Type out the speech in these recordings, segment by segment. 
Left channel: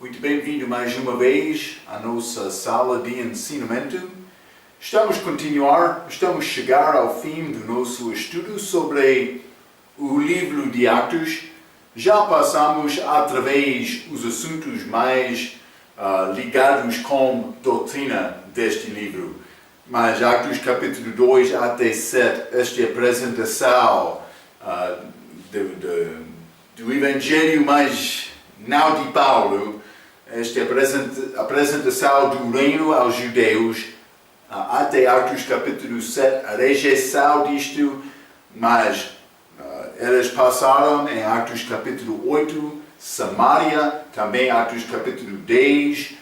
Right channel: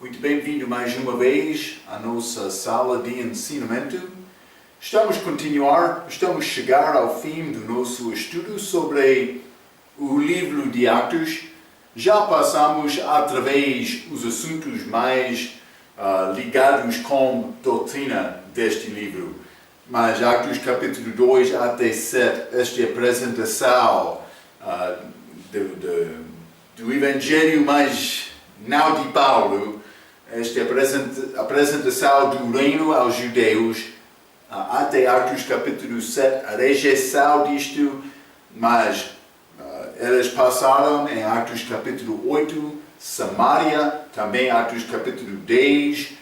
Muito bem-vindo mais uma vez à nossa sala de ensinamento. Estamos a chegar ao fim do nosso estudo sobre o livro de Atos. Já passamos através os assuntos mais ligados com doutrina deste livro. Mas Atos capítulo 2 até 7, esta apresentação do Evangelho, mas não de Paulo, esta apresentação do reino aos judeus, até Atos capítulo 7, a rejeição disto, mas eles passaram em Atos capítulo 8, Samaria, também Atos capítulo 10,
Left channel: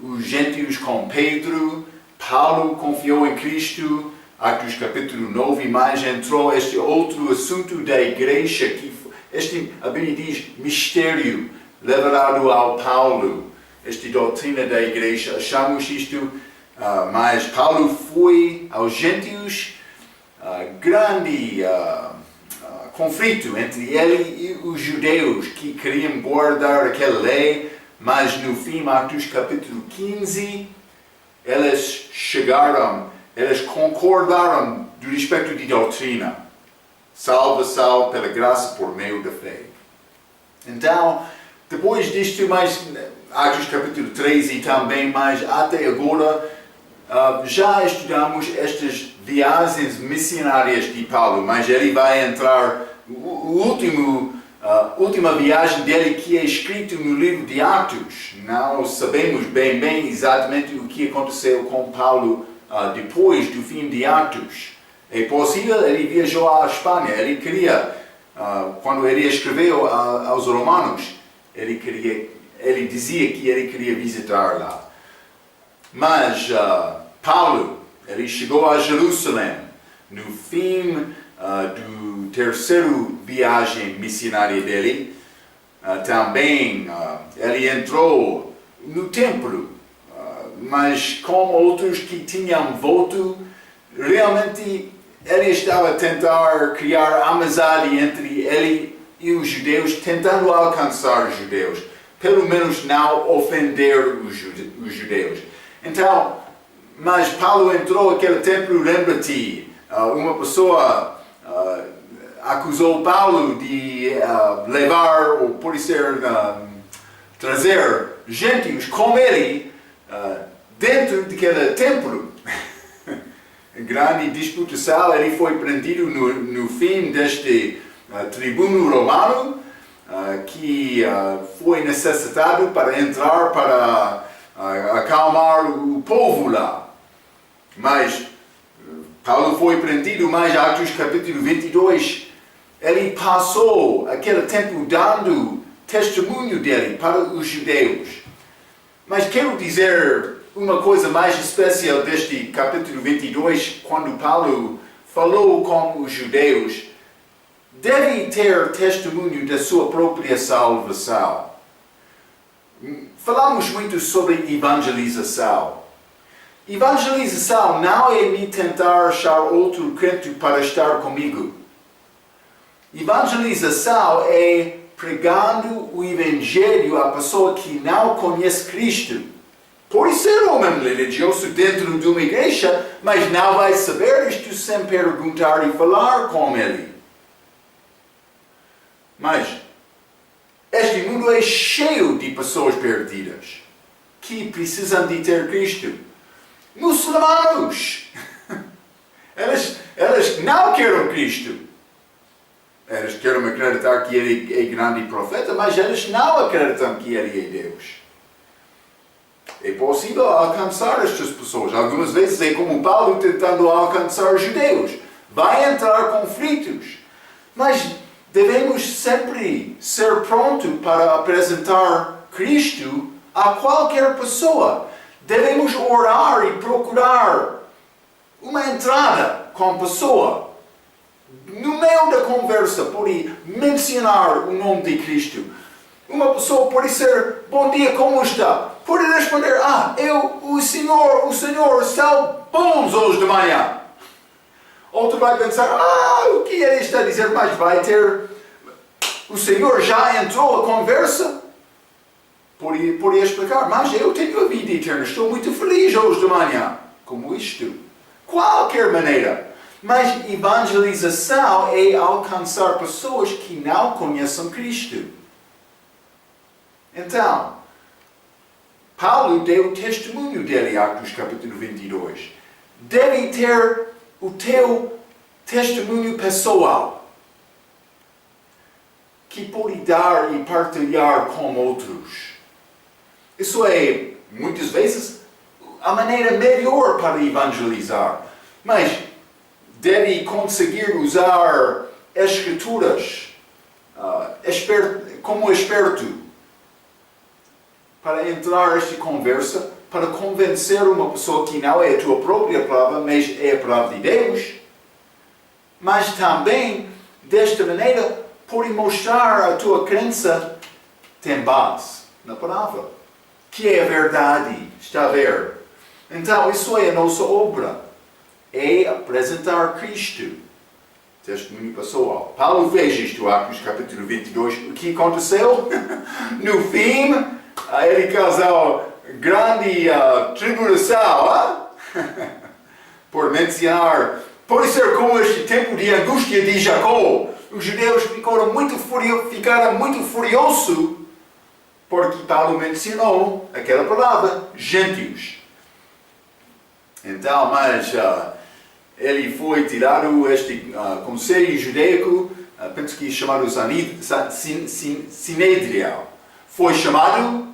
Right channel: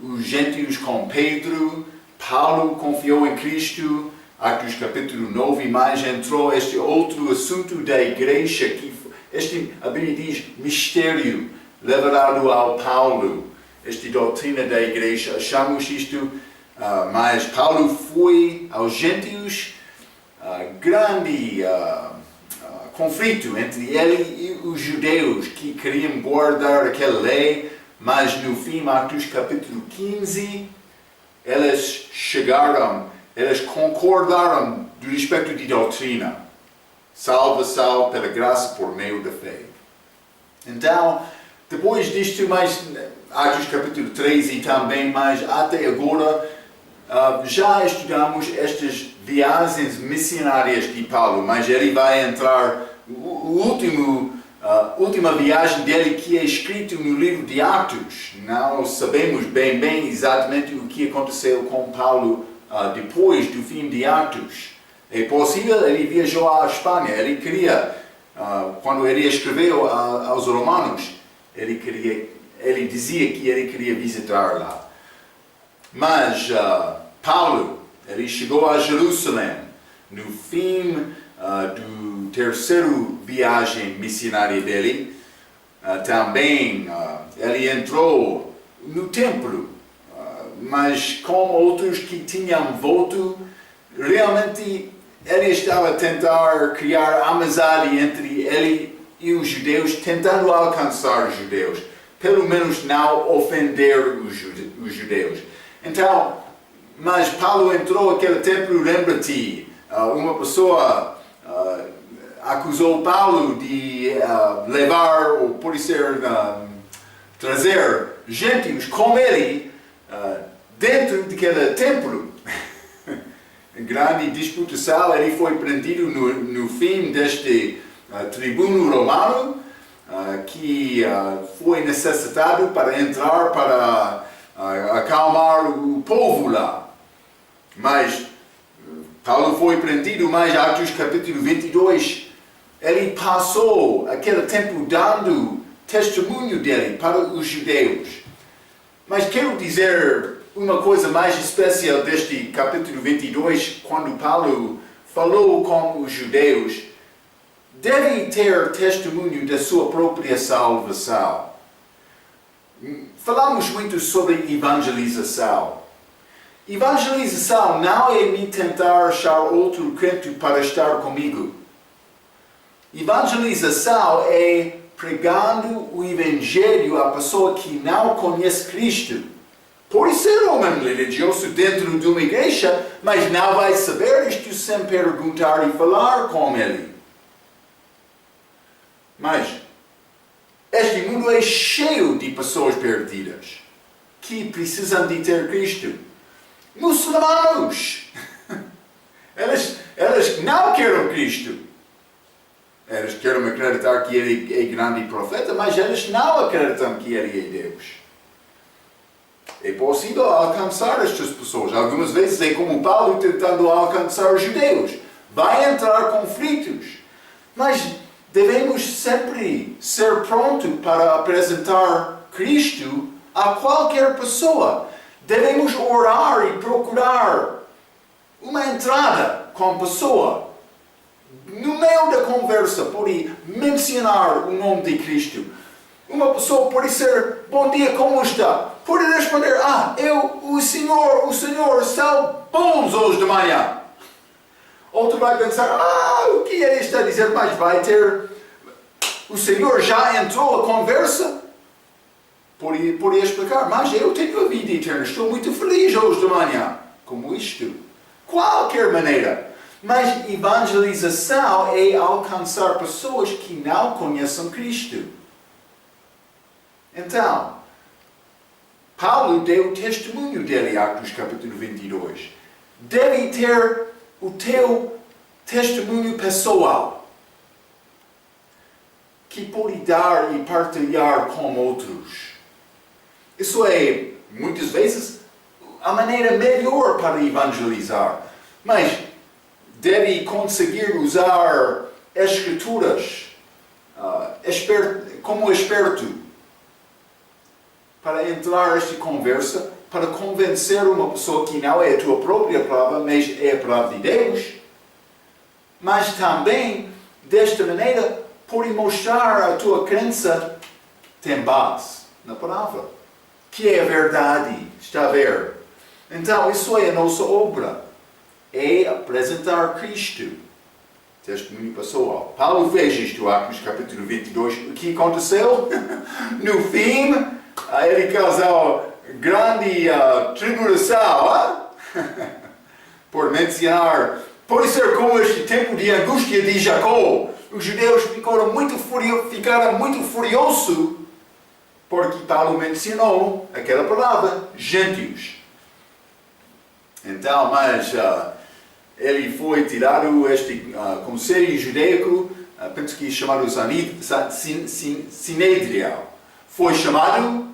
os gentios com Pedro, Paulo confiou em Cristo, Atos capítulo 9, mas entrou este outro assunto da igreja, a Bíblia diz mistério, levado ao Paulo, esta doutrina da igreja. Achamos isto, mas Paulo foi aos gentios, grande conflito entre ele e os judeus que queriam guardar aquela lei, mas no fim, Atos capítulo 15, eles concordaram do respeito de doutrina, salvação pela graça por meio da fé. Então, depois disto, mais Atos capítulo 13 e também, mas até agora, já estudamos estas viagens missionárias de Paulo, mas ele vai entrar, última viagem dele que é escrito no livro de Atos. Não sabemos bem exatamente o que aconteceu com Paulo depois do fim de Atos. É possível, ele viajou à Espanha, ele queria, quando ele escreveu aos Romanos, ele dizia que ele queria visitar lá. Mas Paulo, ele chegou a Jerusalém no fim do terceiro viagem missionária dele. Também ele entrou no templo, mas como outros que tinham voto, realmente ele estava a tentar criar amizade entre ele e os judeus, tentando alcançar os judeus, pelo menos não ofender os judeus. Então, mas Paulo entrou naquele templo, lembra-te, uma pessoa acusou Paulo de levar, ou pode ser, trazer gentios com ele dentro daquele templo. Grande disputação, ele foi prendido no fim deste tribuno romano, que foi necessitado para entrar para acalmar o povo lá. Mas Paulo foi prendido, mas Atos capítulo 22, ele passou aquele tempo dando testemunho dele para os judeus. Mas quero dizer uma coisa mais especial deste capítulo 22, quando Paulo falou com os judeus, deve ter testemunho da sua própria salvação. Falamos muito sobre evangelização. Evangelização não é me tentar achar outro crente para estar comigo. Evangelização é pregando o evangelho à pessoa que não conhece Cristo. Pode ser homem religioso dentro de uma igreja, mas não vai saber isto sem perguntar e falar com ele. Mas este mundo é cheio de pessoas perdidas que precisam de ter Cristo. Muçulmanos! Eles não querem Cristo. Eles querem acreditar que ele é grande profeta, mas eles não acreditam que ele é Deus. É possível alcançar estas pessoas. Algumas vezes é como Paulo tentando alcançar os judeus. Vai entrar conflitos. Mas devemos sempre ser prontos para apresentar Cristo a qualquer pessoa. Devemos orar e procurar uma entrada com a pessoa. No meio da conversa, pode mencionar o nome de Cristo. Uma pessoa pode ser, bom dia, como está? Pode responder, o Senhor está bons hoje de manhã. Outro vai pensar, o que ele está a dizer? Mas vai ter, o Senhor já entrou a conversa? poderia explicar, mas eu tenho a vida eterna, estou muito feliz hoje de manhã. Como isto? Qualquer maneira. Mas evangelização é alcançar pessoas que não conhecem Cristo. Então, Paulo deu testemunho dele em Atos capítulo 22. Deve ter o teu testemunho pessoal, que pode dar e partilhar com outros. Isso é, muitas vezes, a maneira melhor para evangelizar. Mas deve conseguir usar escrituras como esperto para entrar nesta conversa, para convencer uma pessoa que não é a tua própria palavra, mas é a palavra de Deus. Mas também, desta maneira, pode mostrar a tua crença tem base na palavra, que é a verdade, está a ver? Então, isso é a nossa obra, é apresentar Cristo. Testemunho pessoal. Paulo fez isto, Atos capítulo 22. O que aconteceu? No fim, ele causou grande tribulação, por mencionar, pode ser como este tempo de angústia de Jacó. Os judeus ficaram muito furiosos porque Paulo mencionou aquela palavra, gentios. Então, mas ele foi tirado este conselho judaico, penso que chamado Sinédrio. Foi chamado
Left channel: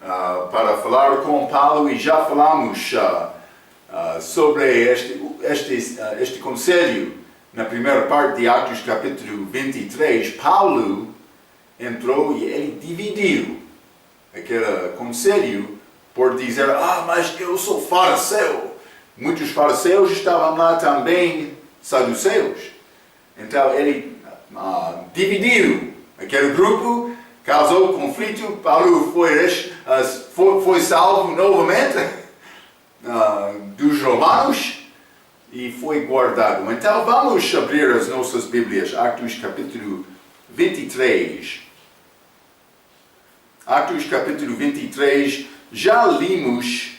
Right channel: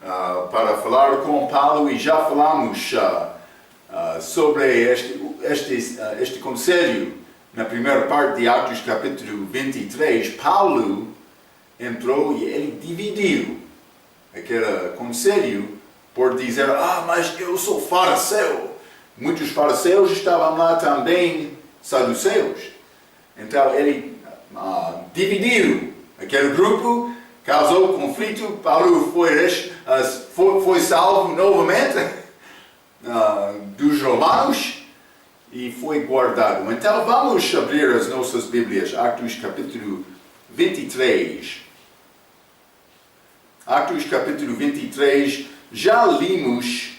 para falar com Paulo e já falamos sobre este conselho na primeira parte de Atos capítulo 23. Paulo entrou e ele dividiu aquele conselho por dizer, mas eu sou fariseu. Muitos fariseus estavam lá também, saduceus. Então ele dividiu aquele grupo, causou conflito. Paulo foi salvo novamente dos romanos e foi guardado. Então vamos abrir as nossas Bíblias, Atos capítulo 23. Atos capítulo 23, já limos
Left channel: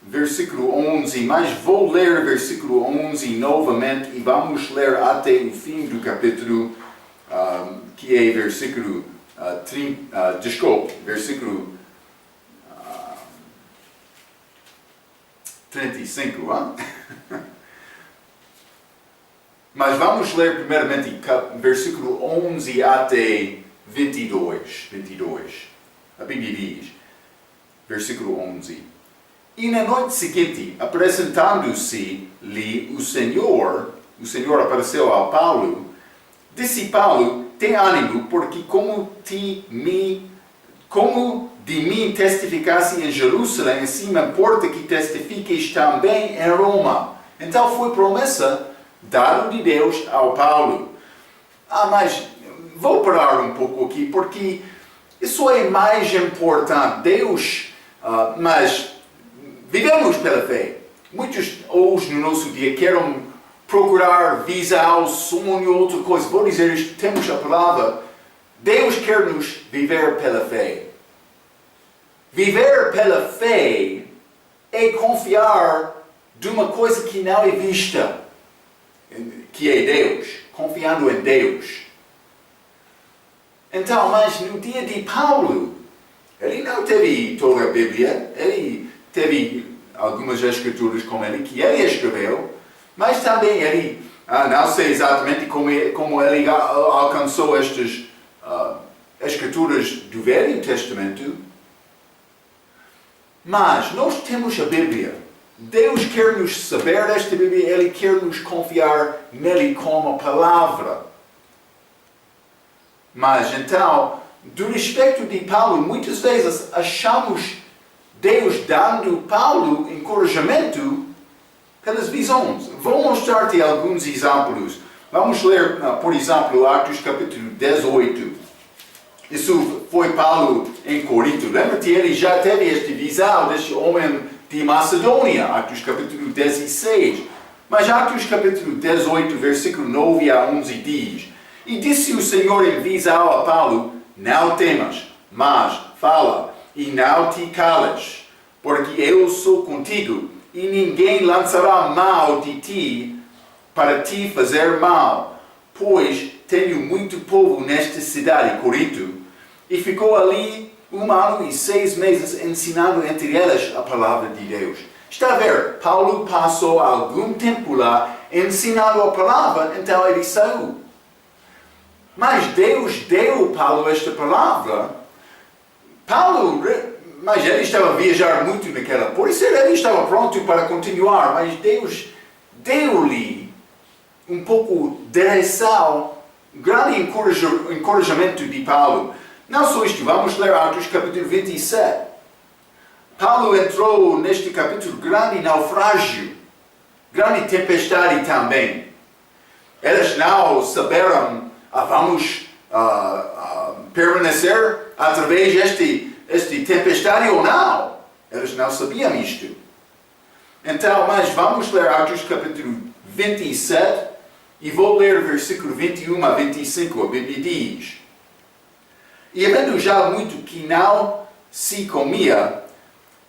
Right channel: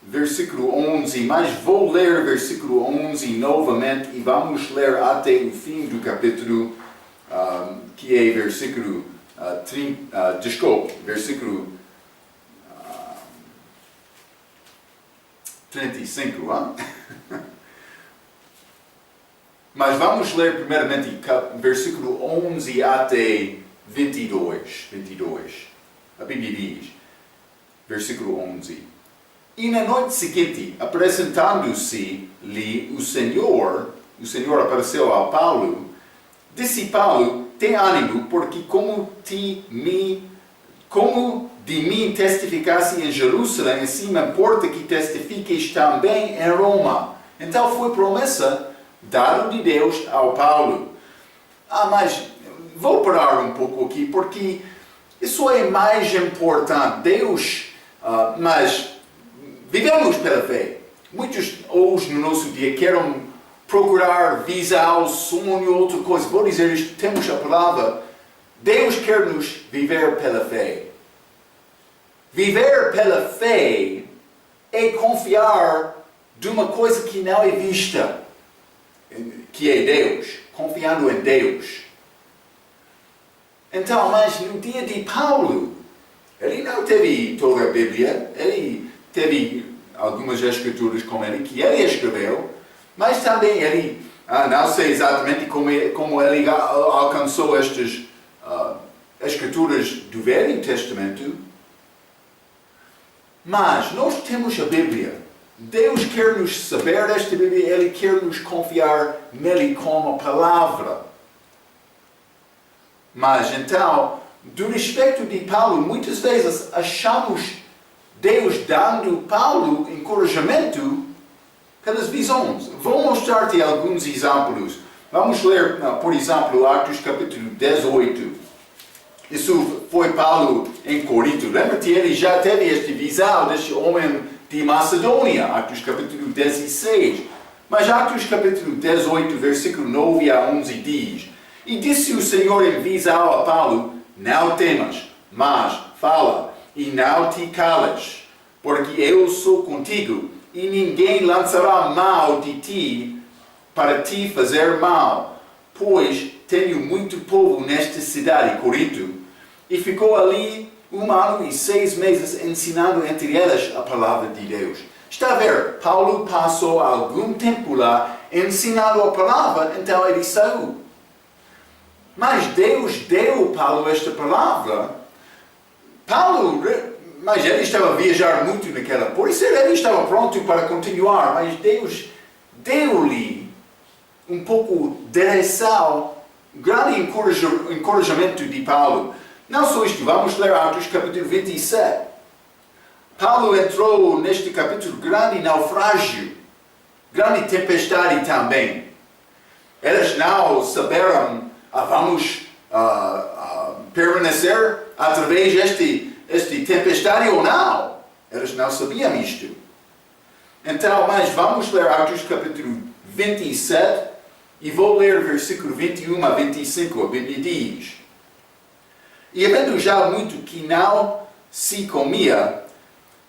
versículo 11, mas vou ler versículo 11 novamente e vamos ler até o fim do capítulo, que é versículo 35. Mas vamos ler primeiramente versículo 11 até 22. A Bíblia diz, versículo 11. E na noite seguinte, apresentando-se-lhe o Senhor apareceu a Paulo, disse Paulo, tem ânimo, porque como de mim testificasse em Jerusalém, assim me importa que testifiques também em Roma. Então foi promessa dada de Deus ao Paulo. Mas vou parar um pouco aqui, porque isso é mais importante. Deus, mas vivemos pela fé. Muitos hoje no nosso dia querem procurar visar o sonho, outra coisa. Vou dizer isto, temos a palavra. Deus quer nos viver pela fé. Viver pela fé é confiar de uma coisa que não é vista, que é Deus. Confiando em Deus. Então, mas no dia de Paulo, ele não teve toda a Bíblia, ele teve algumas escrituras com ele, que ele escreveu, mas também ele, não sei exatamente como ele alcançou estas escrituras do Velho Testamento, mas nós temos a Bíblia. Deus quer nos saber desta Bíblia, Ele quer nos confiar nele como a palavra. Mas então, do respeito de Paulo, muitas vezes achamos Deus dando Paulo encorajamento pelas visões. Vou mostrar-te alguns exemplos. Vamos ler, por exemplo, Atos capítulo 18. Isso foi Paulo em Corinto. Lembra-te, ele já teve esta visão deste homem de Macedônia, Atos capítulo 16. Mas Atos capítulo 18, versículo 9 a 11 diz: E disse o Senhor em visão a Paulo, não temas, mas fala, e não te cales, porque eu sou contigo, e ninguém lançará mal de ti para te fazer mal, pois tenho muito povo nesta cidade, Corinto, e ficou ali 1 ano e 6 meses ensinando entre elas a palavra de Deus. Está a ver, Paulo passou algum tempo lá ensinando a palavra, então ele saiu. Mas Deus deu a Paulo esta palavra. Mas ele estava a viajar muito naquela, por isso ele estava pronto para continuar, mas Deus deu-lhe um pouco de direção, grande encorajamento de Paulo. Não só isto, vamos ler Atos capítulo 27. Paulo entrou neste capítulo grande naufrágio, grande tempestade também. Eles não saberam, vamos permanecer através deste tempestade ou não. Eles não sabiam isto. Então, mas vamos ler Atos capítulo 27 e vou ler versículo 21 a 25. A Bíblia diz: E havendo já muito que não se comia,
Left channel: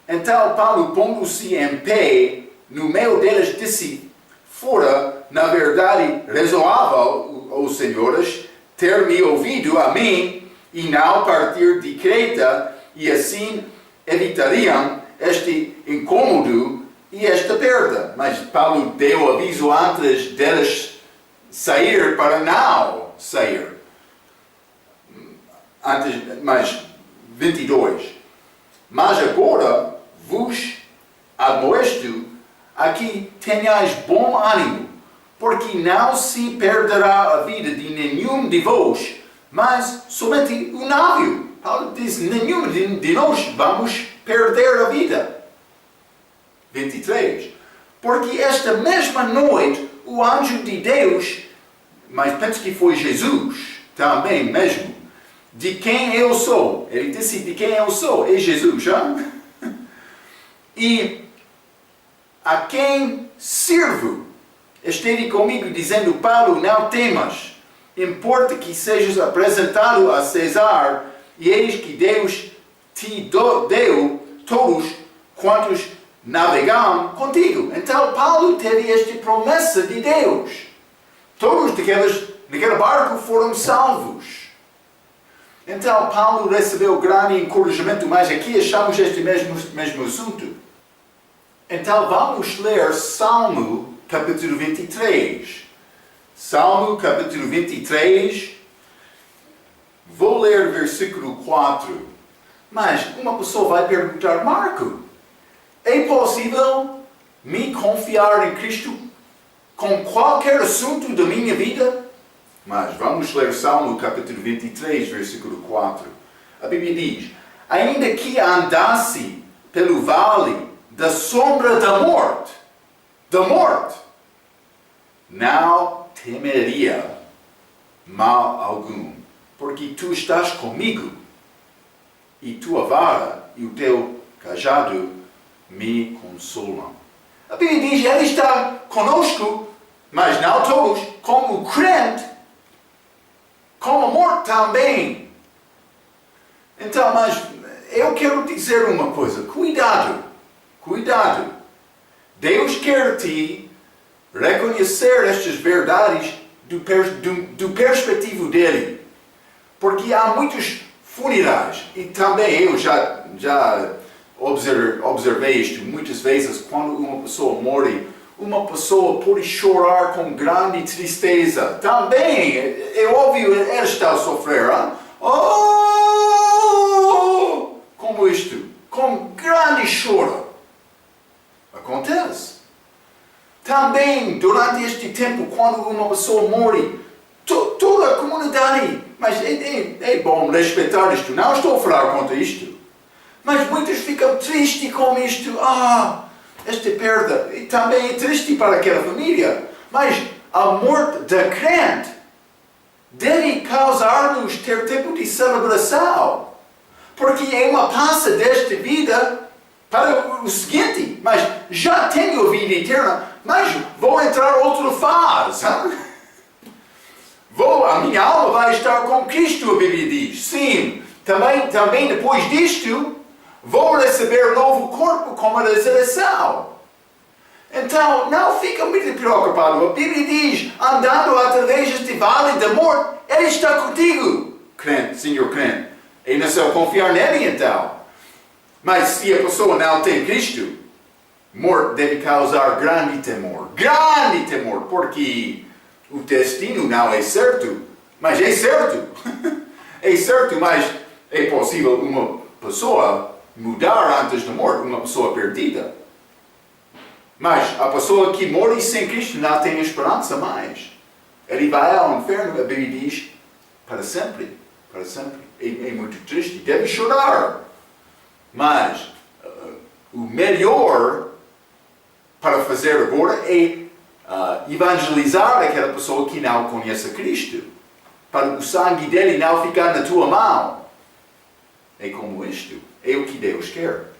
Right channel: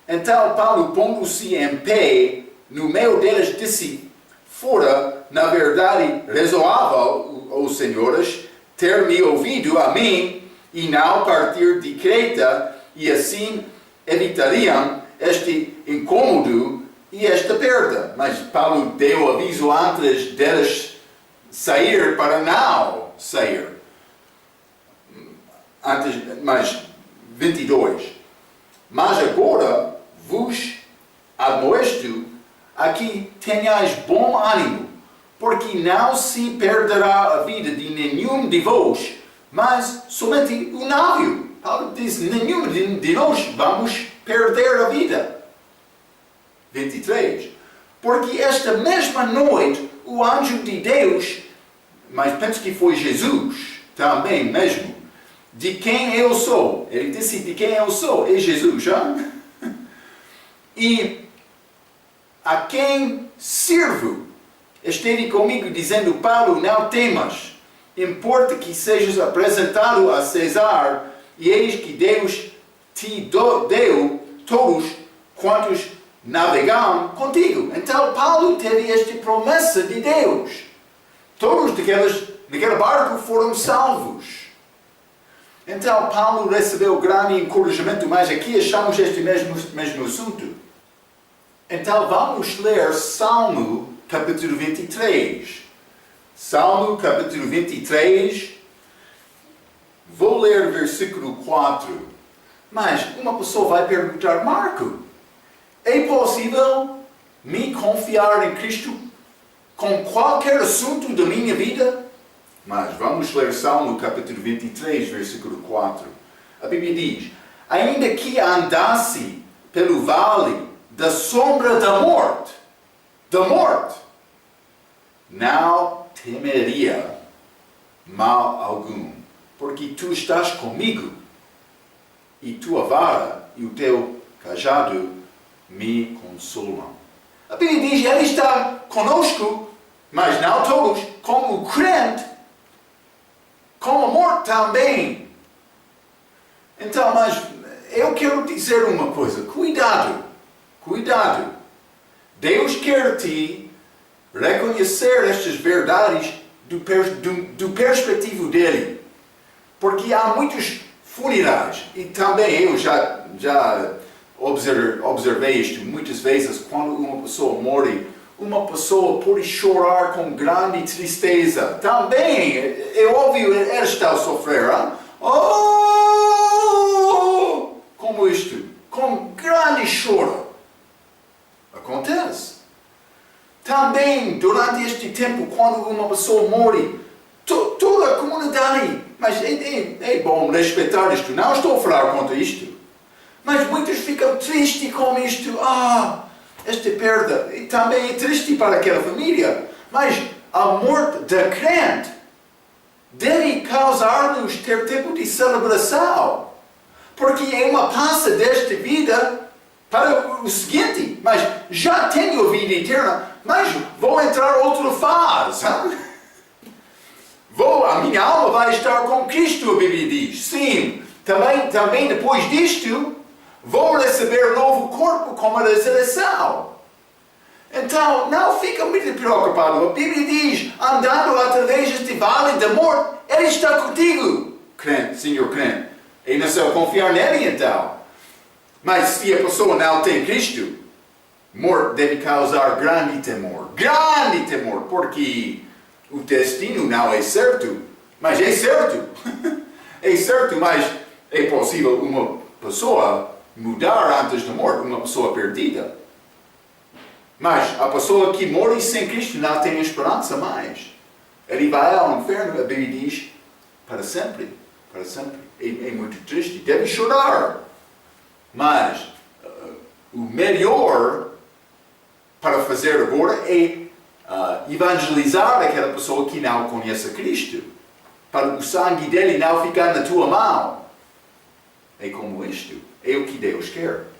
então Paulo, pondo-se em pé, no meio deles disse: Fora, na verdade, razoável, ó senhores, ter me ouvido a mim, e não partir de Creta, e assim evitariam este incômodo e esta perda. Mas Paulo deu aviso antes deles sair para não sair. Mas 22. Mas agora vos admoesto a que tenhais bom ânimo, porque não se perderá a vida de nenhum de vós, mas somente o navio. Paulo diz: nenhum de nós vamos perder a vida. 23. Porque esta mesma noite o anjo de Deus, mas penso que foi Jesus também mesmo, de quem eu sou. Ele disse de quem eu sou. É Jesus, hein? E a quem sirvo, esteve comigo dizendo: Paulo, não temas, importa que sejas apresentado a César, e eis que Deus te deu todos quantos navegam contigo. Então Paulo teve esta promessa de Deus. Todos naquele barco foram salvos. Então Paulo recebeu grande encorajamento, mas aqui achamos este mesmo assunto. Então vamos ler Salmo capítulo 23. Salmo capítulo 23. Vou ler versículo 4. Mas uma pessoa vai perguntar: Marco, é possível me confiar em Cristo com qualquer assunto da minha vida? Mas vamos ler Salmo capítulo 23, versículo 4. A Bíblia diz: ainda que andasse pelo vale da sombra da morte, não temeria mal algum, porque tu estás comigo, e tua vara e o teu cajado me consolam. A Bíblia diz: ele está conosco, mas não todos, como o crente, como a morte também. Então, mas eu quero dizer uma coisa: cuidado. Deus quer te reconhecer estas verdades do perspectivo dele. Porque há muitos funerais, e também eu já observei isto muitas vezes. Quando uma pessoa morre, uma pessoa pode chorar com grande tristeza. Também, é óbvio, ela está a sofrer. Hein? Oh! Como isto? Com grande choro. Acontece. Também, durante este tempo, quando uma pessoa morre, toda a comunidade, mas é bom respeitar isto, não estou a falar contra isto, mas muitos ficam tristes com isto. Esta perda, e também é triste para aquela família, mas a morte da crente deve causar-nos ter tempo de celebração, porque é uma passa desta vida para o seguinte: mas já tenho a vida eterna, mas vou entrar outra fase. A minha alma vai estar com Cristo, a Bíblia diz. Sim, também depois disto, vou receber novo corpo como a ressurreição. Então, não fica muito preocupado. A Bíblia diz, andando através deste vale da morte, Ele está contigo, crente, senhor crente. É necessário confiar nele, então. Mas se a pessoa não tem Cristo, morte deve causar grande temor, porque o destino não é certo, mas é certo. É certo, mas é possível uma pessoa mudar antes da morte, uma pessoa perdida. Mas a pessoa que morre sem Cristo não tem esperança mais. Ele vai ao inferno, a Bíblia diz, para sempre. Para sempre. É muito triste, deve chorar. Mas o melhor para fazer agora é evangelizar aquela pessoa que não conhece Cristo. Para o sangue dele não ficar na tua mão. É como isto. É o que Deus quer.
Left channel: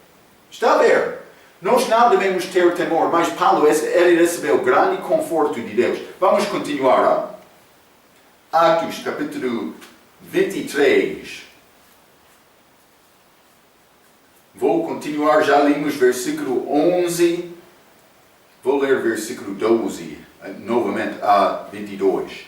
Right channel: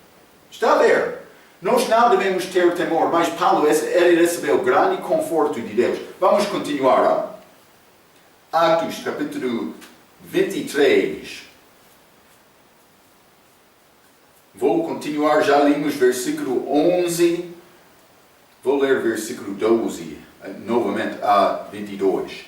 Está a ver? Nós não devemos ter temor, mas Paulo, ele recebeu grande conforto de Deus. Vamos continuar. Atos, capítulo 23. Vou continuar, já lemos versículo 11. Vou ler versículo 12, novamente a 22.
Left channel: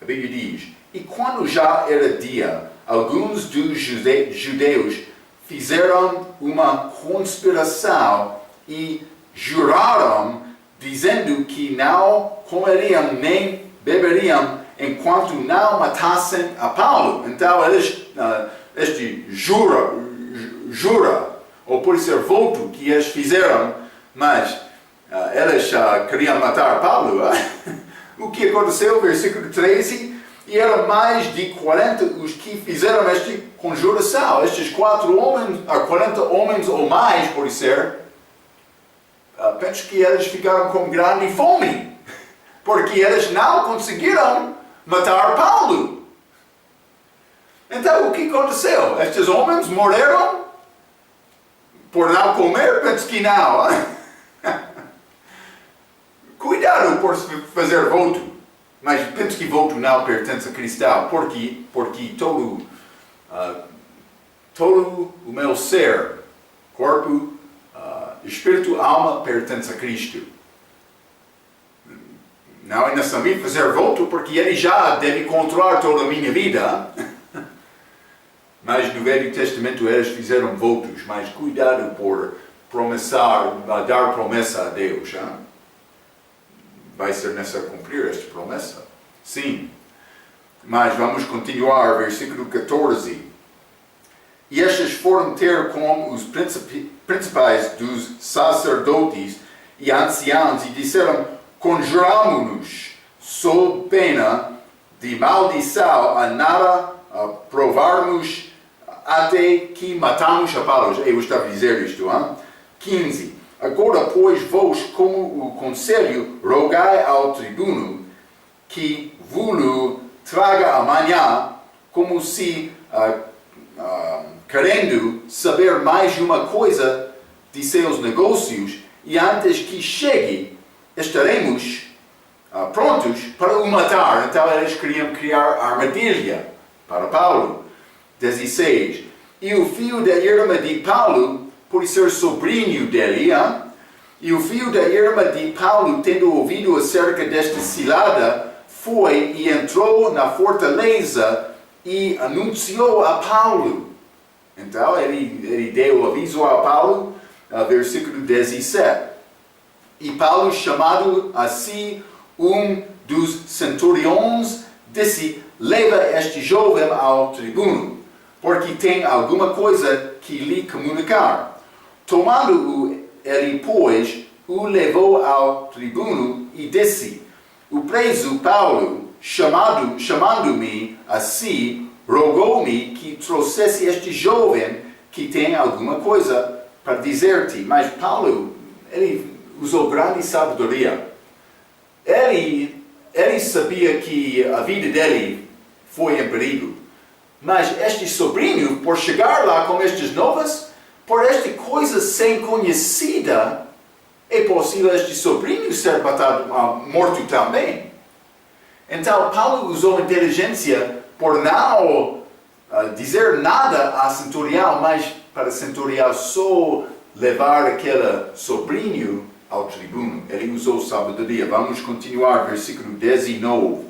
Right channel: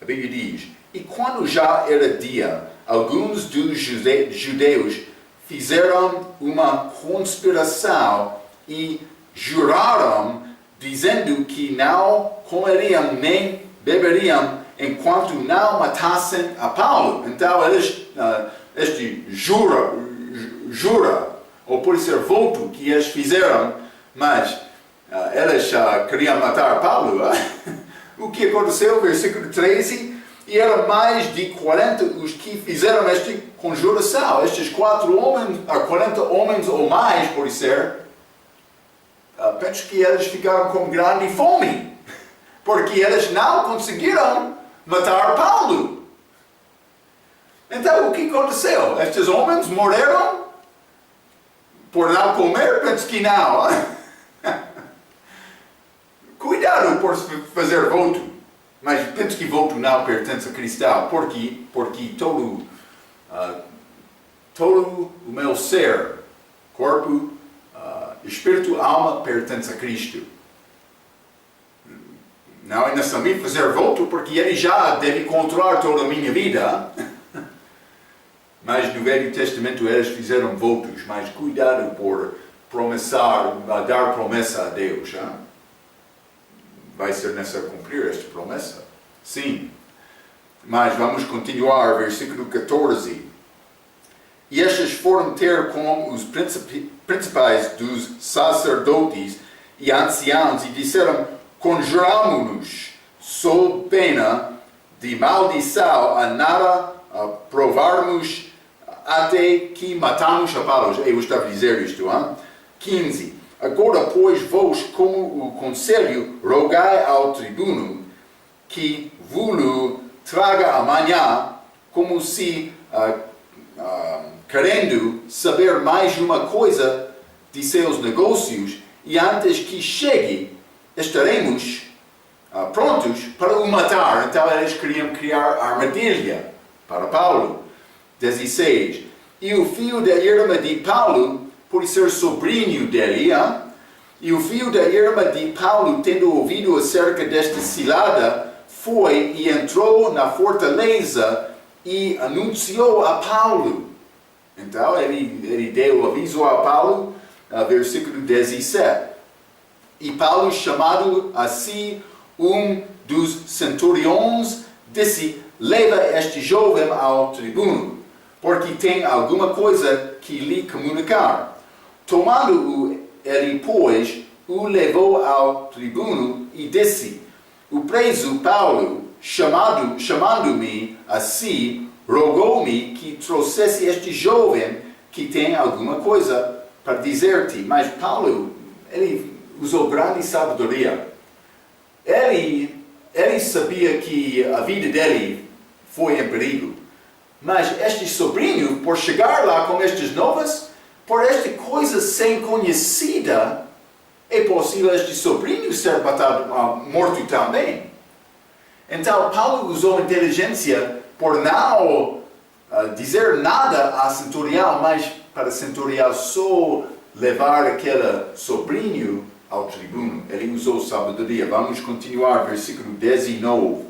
A Bíblia diz, e quando já era dia, alguns dos judeus fizeram uma conspiração e juraram, dizendo que não comeriam nem beberiam enquanto não matassem a Paulo. Então eles, jura, ou pode ser voto que eles fizeram, mas eles queriam matar Paulo. O que aconteceu? Versículo 13. E eram mais de 40 os que fizeram esta conjuração. Estes 40 homens ou mais, pode ser. Penso que eles ficaram com grande fome. Porque eles não conseguiram matar Paulo. Então, o que aconteceu? Estes homens morreram por não comer? Penso que não. Cuidado por fazer voto. Mas penso que voto não pertence a cristão, porque todo o meu ser, corpo, espírito, alma, pertence a Cristo. Não é necessário fazer voto, porque Ele já deve controlar toda a minha vida. Mas no Velho Testamento eles fizeram votos, mas cuidado por dar promessa a Deus. Hein? Vai ser necessário cumprir esta promessa? Sim. Mas vamos continuar, versículo 14. E estes foram ter com os principais dos sacerdotes e anciãos e disseram, conjuramo-nos sob pena de maldição a nada provarmos até que matamos a Paulo. Eu estava a dizer isto. 15. Agora, pois, vós, como o conselho, rogai ao tribuno que vos traga amanhã, como se, querendo saber mais uma coisa de seus negócios, e antes que chegue, estaremos prontos para o matar. Então, eles queriam criar armadilha para Paulo. 16. E o filho da irmã de Paulo, por ser sobrinho dele, e o filho da irmã de Paulo, tendo ouvido acerca desta cilada, foi e entrou na fortaleza e anunciou a Paulo. Então, ele deu aviso a Paulo, versículo 17. E Paulo, chamado a si dos centuriões, disse, leva este jovem ao tribuno, porque tem alguma coisa que lhe comunicar. Tomando-o ele, pois, o levou ao tribuno e disse, o preso Paulo, chamando-me a si, rogou-me que trouxesse este jovem que tem alguma coisa para dizer-te. Mas Paulo, ele usou grande sabedoria. Ele sabia que a vida dele foi em perigo. Mas este sobrinho, por chegar lá com estas novas, por esta coisa sem conhecida, é possível este sobrinho ser morto também. Então, Paulo usou inteligência por não dizer nada a centurião, mas para o centurião só levar aquele sobrinho ao tribuno. Ele usou sabedoria. Vamos continuar, versículo 19.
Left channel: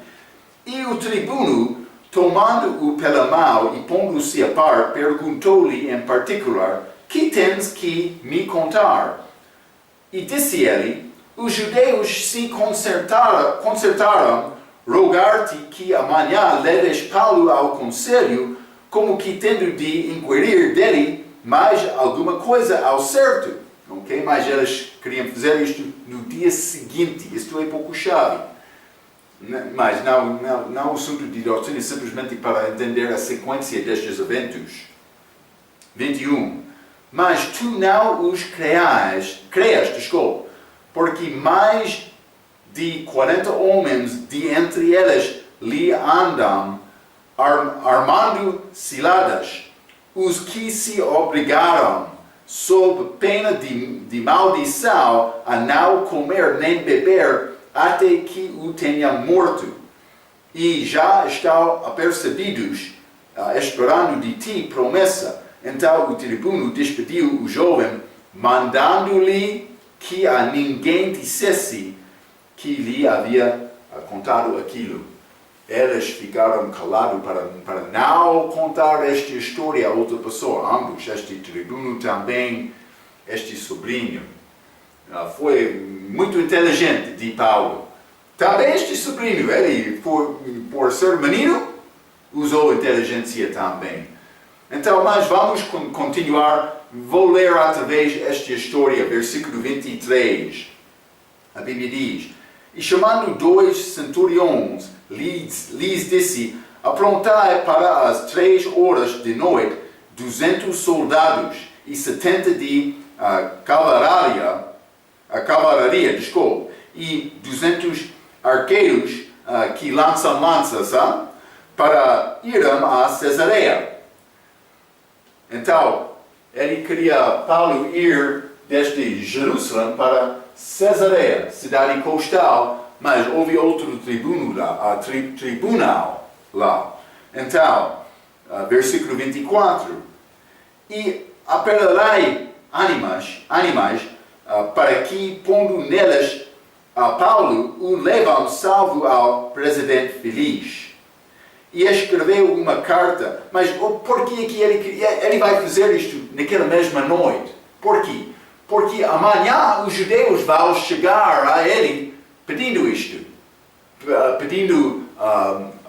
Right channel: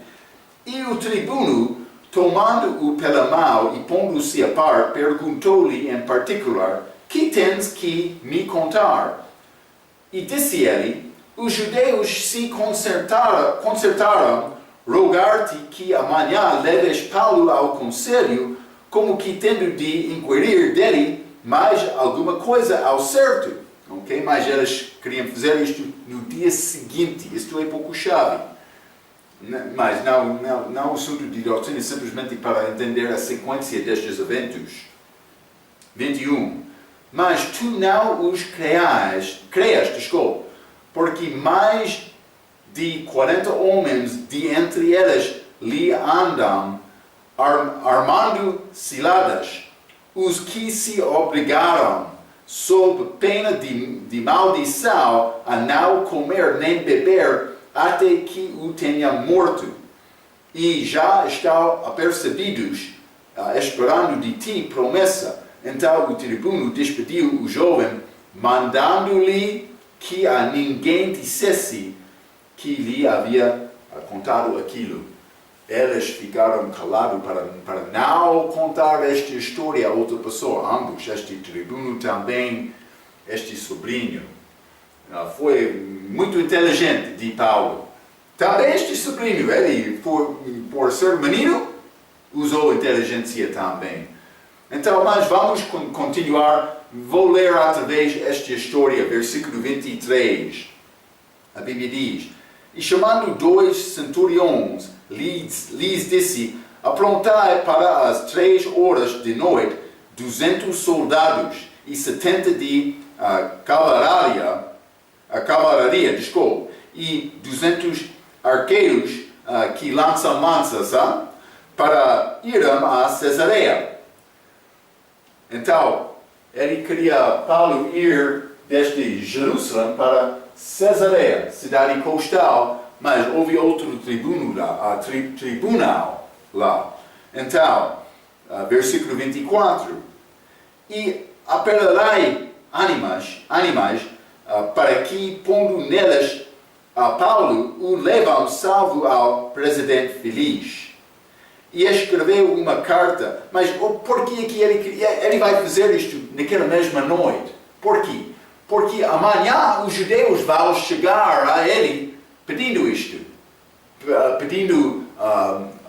E o tribuno, tomando-o pela mão e pondo-se a par, perguntou-lhe em particular: que tens que me contar? E disse ele: os judeus se concertaram rogar-te que amanhã leves Paulo ao conselho, como que tendo de inquirir dele mais alguma coisa ao certo. Okay? Mas eles queriam fazer isto no dia seguinte. Isto é pouco chave. Mas não é um assunto de doutrina, simplesmente para entender a sequência destes eventos. 21. Mas tu não os creias, porque mais de 40 homens de entre eles lhe andam, armando ciladas, os que se obrigaram, sob pena de maldição, a não comer nem beber, até que o tenha morto. E já estão apercebidos, esperando de ti promessa. Então o tribuno despediu o jovem, mandando-lhe que a ninguém dissesse que lhe havia contado aquilo. Eles ficaram calados para não contar esta história a outra pessoa. Ambos, este tribuno também, este sobrinho. Foi muito inteligente de Paulo. Também este sobrinho, ele, por ser menino, usou inteligência também. Então, mas vamos continuar. Vou ler outra vez esta história, versículo 23. A Bíblia diz: e chamando 2 centuriões, lhes disse: aprontai para as 3 horas de noite 200 soldados e 70 de cavalaria, e 200 arqueiros que lançam lanças, para irem a Cesareia. Então, ele queria Paulo ir desde Jerusalém para Cesareia, cidade coastal, mas houve outro tribunal lá. Então, versículo 24. E apelarei animais para que, pondo neles a Paulo, o levam salvo ao presidente Feliz. E escreveu uma carta. Mas por que ele vai fazer isto naquela mesma noite? Por quê? Porque amanhã os judeus vão chegar a ele pedindo isto. Pedindo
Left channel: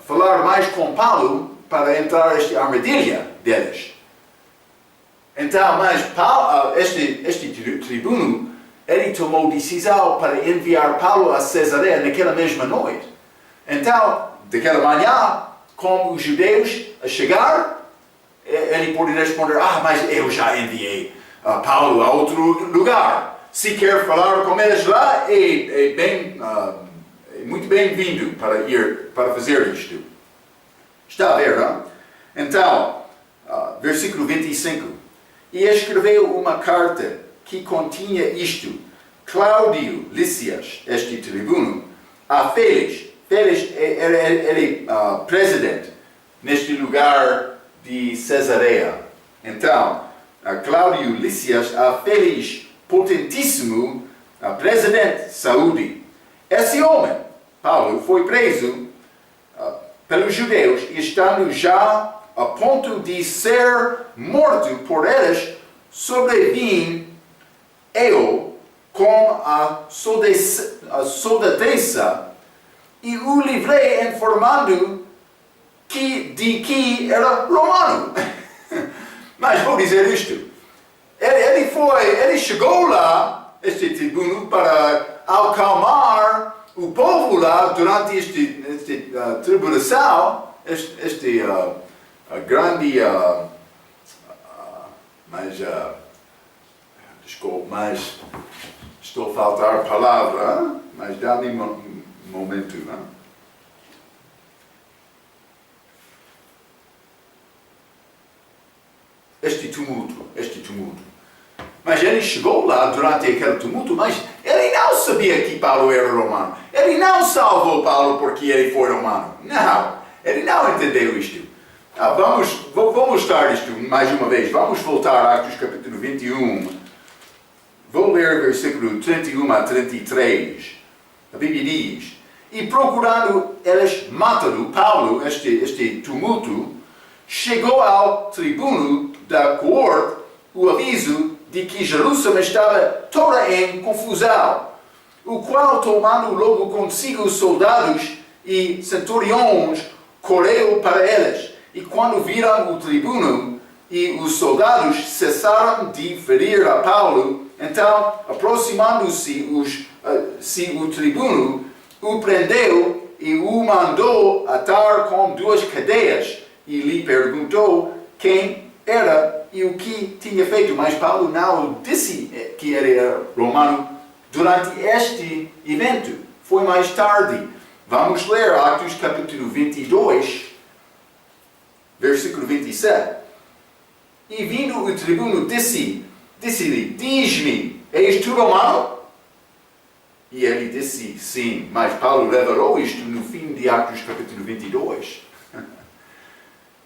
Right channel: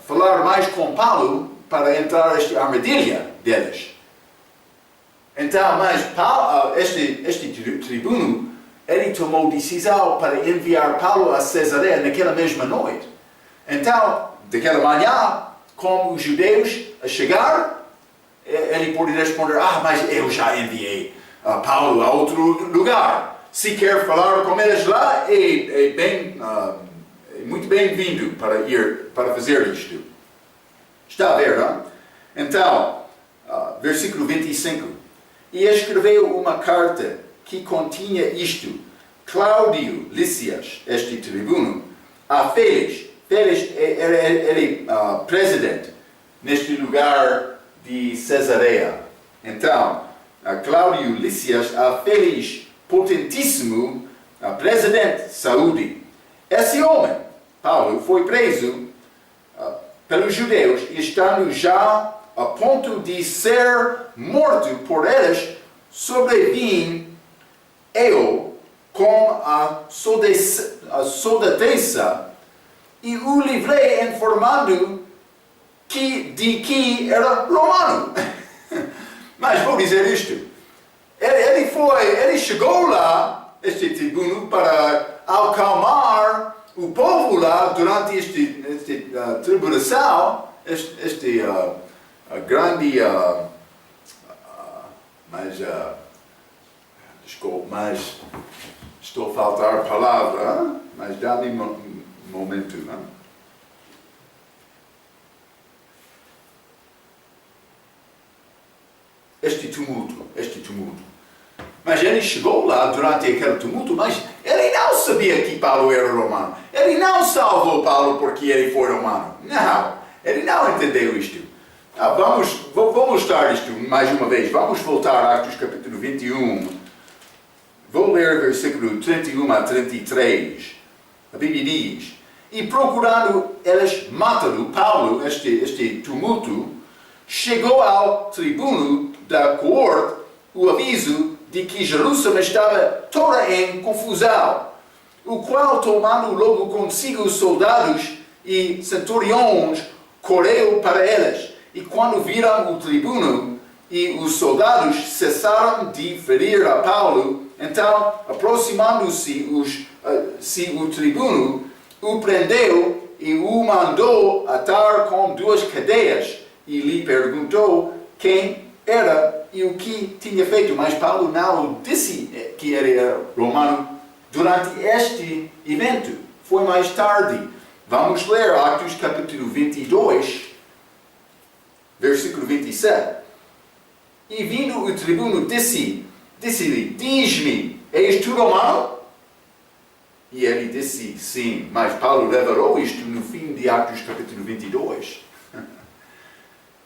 falar mais com Paulo para entrar nesta armadilha deles. Então, mas Paulo, este tribuno, ele tomou decisão para enviar Paulo a Cesareia naquela mesma noite. Então, daquela manhã, como os judeus a chegar, ele pode responder: mas eu já enviei Paulo a outro lugar. Se quer falar com eles lá, é muito bem-vindo para fazer isto. Está a ver, não? Então, versículo 25. E escreveu uma carta que continha isto: Cláudio Lísias, este tribuno, a Félix. Félix era presidente neste lugar de Cesareia. Então, Cláudio Lísias, a Félix potentíssimo, presidente saúde. Esse homem, Paulo, foi preso pelos judeus, estando já a ponto de ser morto por eles, sobrevim eu com a soldadeza e o livrei informando de que era romano. Mas vou dizer isto. Ele chegou lá, este tribuno, para acalmar o povo lá durante esta tribulação, grande, desculpe, mas estou a faltar palavra, mas dá-me um momento, não? Este tumulto. Mas ele chegou lá durante aquele tumulto, mas ele não sabia que Paulo era romano. Ele não salvou Paulo porque ele foi romano. Não, ele não entendeu isto. Vou mostrar isto mais uma vez. Vamos voltar a Atos capítulo 21. Vou ler versículo 31 a 33. A Bíblia diz: E procurando eles matá-lo, Paulo, este tumulto, chegou ao tribuno da coorte o aviso de que Jerusalém estava toda em confusão, o qual, tomando logo consigo soldados e centuriões, correu para eles. E quando viram o tribuno e os soldados cessaram de ferir a Paulo, então, aproximando-se o tribuno, o prendeu e o mandou atar com 2 cadeias, e lhe perguntou quem era e o que tinha feito. Mas Paulo não disse que era romano durante este evento. Foi mais tarde. Vamos ler Atos capítulo 22, versículo 27. E vindo o tribuno disse-lhe: Diz-me, és tu romano? E ele disse: Sim. Mas Paulo revelou isto no fim de Atos capítulo 22.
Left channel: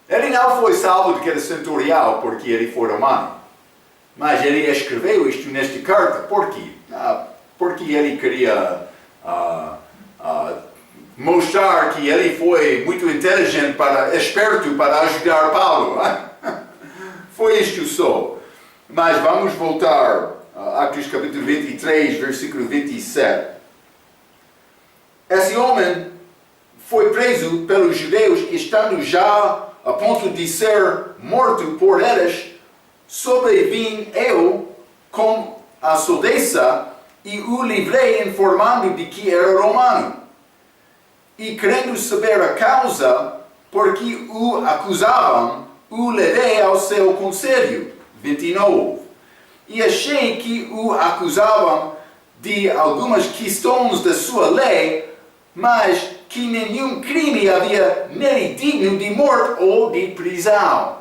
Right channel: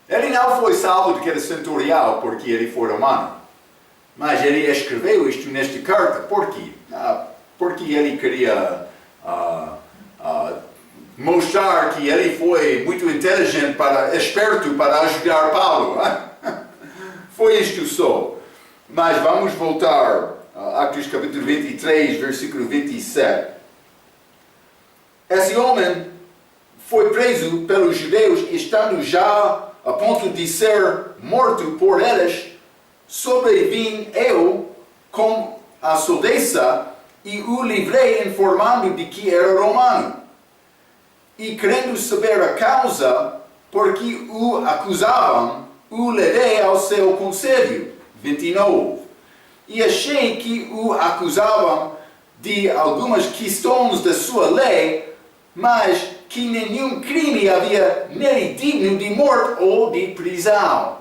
Ele não foi salvo daquele centurião porque ele foi romano. Mas ele escreveu isto nesta carta. Por quê? Porque ele queria mostrar que ele foi muito inteligente, esperto para ajudar Paulo. Foi isto só. Mas vamos voltar a Atos capítulo 23, versículo 27. Esse homem foi preso pelos judeus, estando já a ponto de ser morto por eles. Sobrevim eu com a soldeza e o livrei, informando de que era romano. E querendo saber a causa por que o acusavam, o levei ao seu conselho. 29. E achei que o acusavam de algumas questões da sua lei, mas que nenhum crime havia nele digno de morte ou de prisão.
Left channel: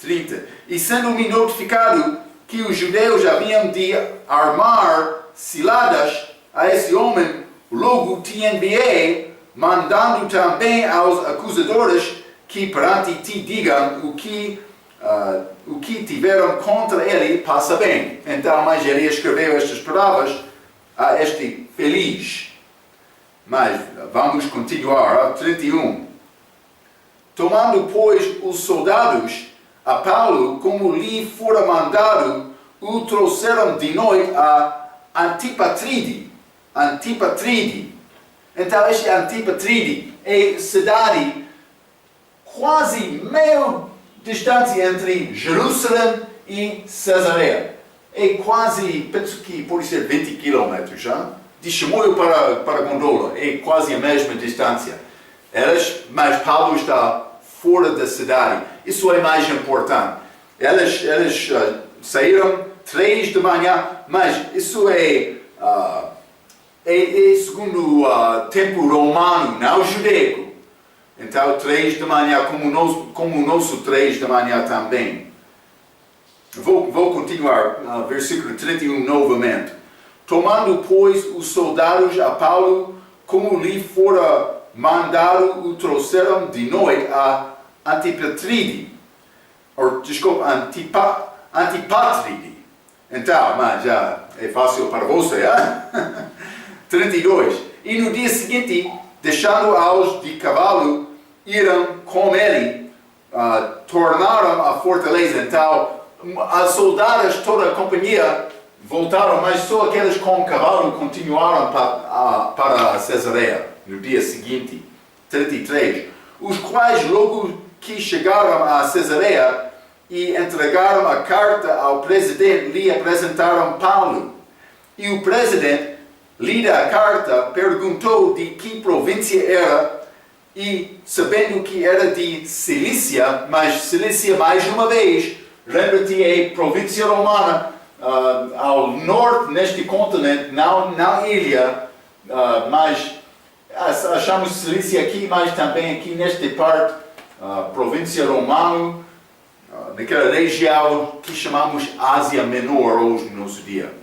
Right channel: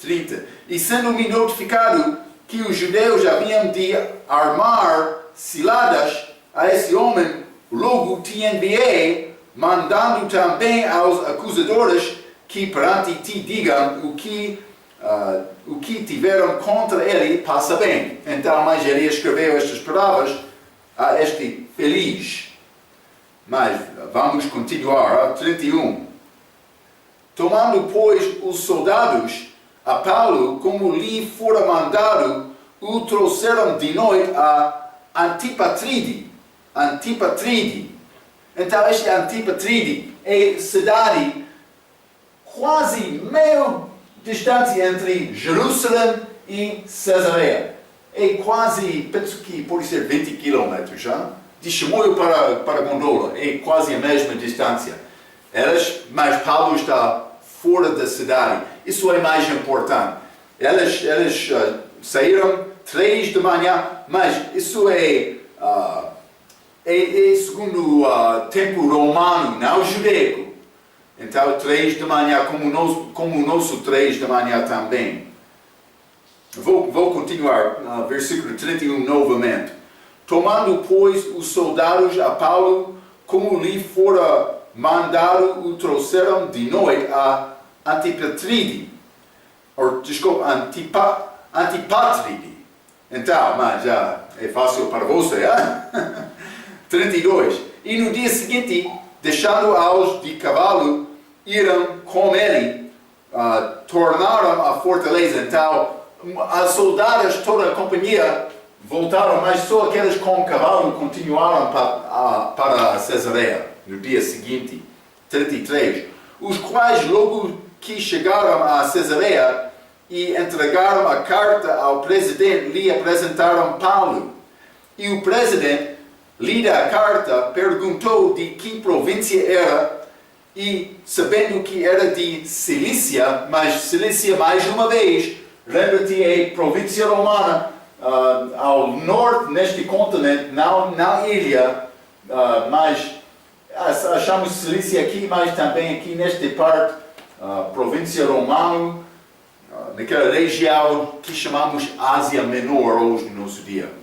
30. E sendo-me notificado que os judeus haviam de armar ciladas a esse homem, logo te enviei, mandando também aos acusadores que perante ti digam o que tiveram contra ele, passa bem. Então, mas ele escreveu estas palavras a este feliz. Mas vamos continuar. 31. Tomando, pois, os soldados a Paulo, como lhe fora mandado, o trouxeram de noite a Antipatride. Então, este Antipatride é cidade quase meio distante entre Jerusalém e Cesareia. É quase, penso que pode ser 20 quilômetros, de Chimoio para Gondola. É quase a mesma distância. Mas Paulo está fora da cidade. Isso é mais importante. Eles saíram 3 da manhã, mas isso é segundo o tempo romano, não judaico. Então, 3 da manhã, como o nosso 3 da manhã também. Vou continuar, versículo 31 novamente. Tomando, pois, os soldados a Paulo, como lhe fora mandado, o trouxeram de noite a Antipatride. Antipatride. Então, mas já é fácil para você, 32. E no dia seguinte, deixando-os de cavalo, iram com ele, tornaram a fortaleza. Então, as soldadas, toda a companhia, voltaram, mas só aqueles com cavalo continuaram para Cesareia no dia seguinte. 33. Os quais, logo que chegaram a Cesareia e entregaram a carta ao presidente, lhe apresentaram Paulo. E o presidente, lida a carta, perguntou de que província era, e sabendo que era de Cilícia, mas Cilícia, mais uma vez, lembra-te, é província romana, ao norte neste continente, não na ilha, mas achamos Cilícia aqui, mas também aqui nesta parte, província romana, naquela região que chamamos Ásia Menor hoje no nosso dia.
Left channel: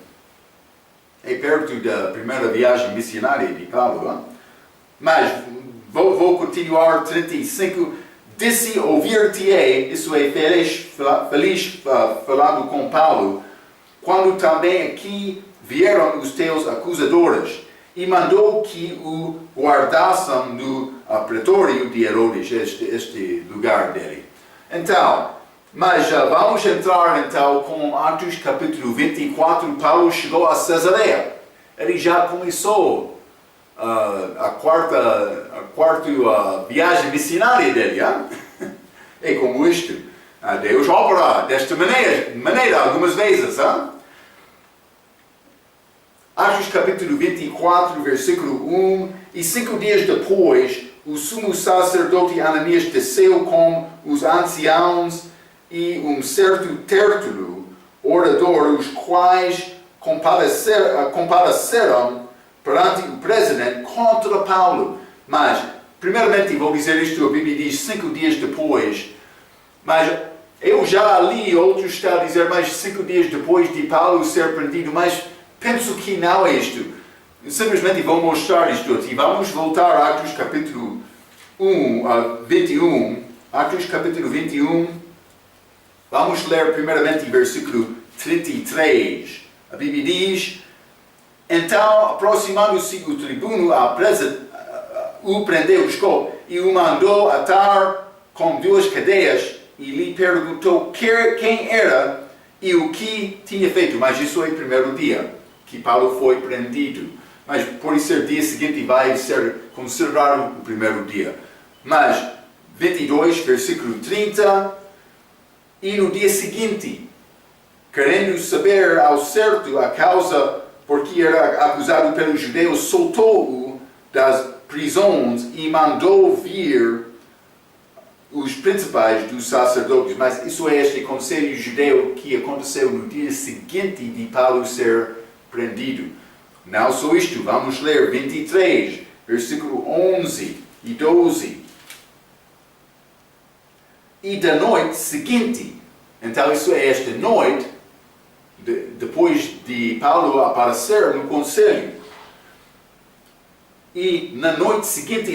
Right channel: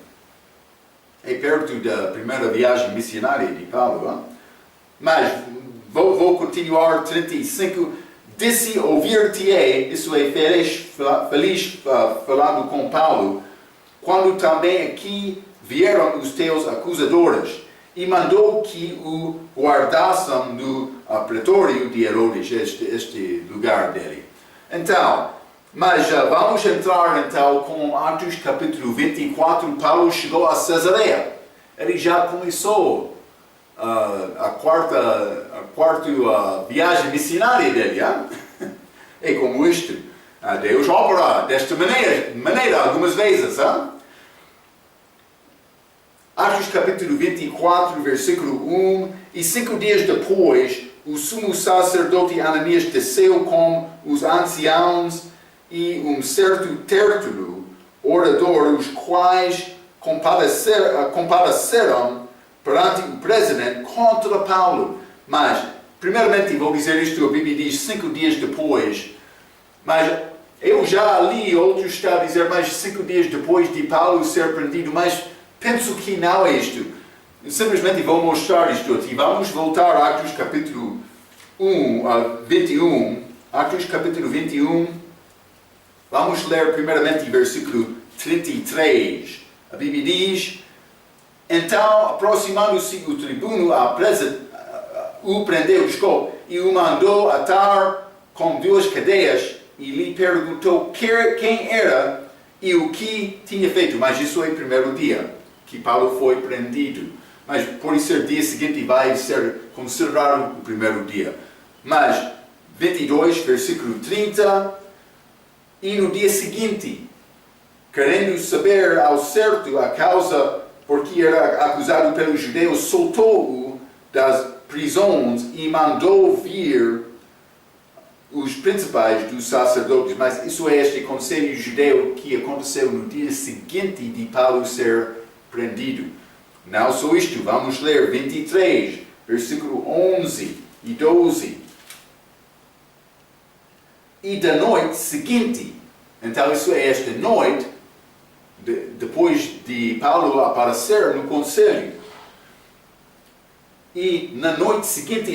É perto da primeira viagem missionária de Paulo. Mas vou continuar. 35. disse ouvir-te-ei, isso é feliz falando com Paulo, quando também aqui vieram os teus acusadores, e mandou que o guardassem no pretório de Herodes, este lugar dele. Então, mas vamos entrar então com Atos capítulo 24, Paulo chegou a Cesareia. Ele já começou a quarta viagem missionária dele. É como isto. Deus opera desta maneira algumas vezes. Atos capítulo 24, versículo 1. E 5 dias depois, o sumo sacerdote Ananias desceu com os anciãos e um certo Tértulo, orador, os quais compareceram perante o presidente contra Paulo. Mas, primeiramente, vou dizer isto, a Bíblia diz 5 dias depois, mas eu já li, outros estão a dizer mais 5 dias depois de Paulo ser prendido, mas penso que não é isto. Simplesmente vou mostrar isto aqui. Vamos voltar a Atos capítulo 21. Atos capítulo 21. Vamos ler primeiramente versículo 33. A Bíblia diz: então, aproximando-se o tribuno, o prendeu, e o mandou atar com 2 cadeias, e lhe perguntou quem era e o que tinha feito. Mas isso é o primeiro dia que Paulo foi prendido. Mas por ser dia seguinte vai ser considerado o primeiro dia. Mas 22, versículo 30. E no dia seguinte, querendo saber ao certo a causa por que era acusado pelos judeus, soltou-o das prisões e mandou vir os principais dos sacerdotes. Mas isso é este conselho judeu que aconteceu no dia seguinte de Paulo ser prendido. Não só isto, vamos ler 23, versículo 11 e 12. E da noite seguinte, então isso é esta noite, depois de Paulo aparecer no conselho. E na noite seguinte,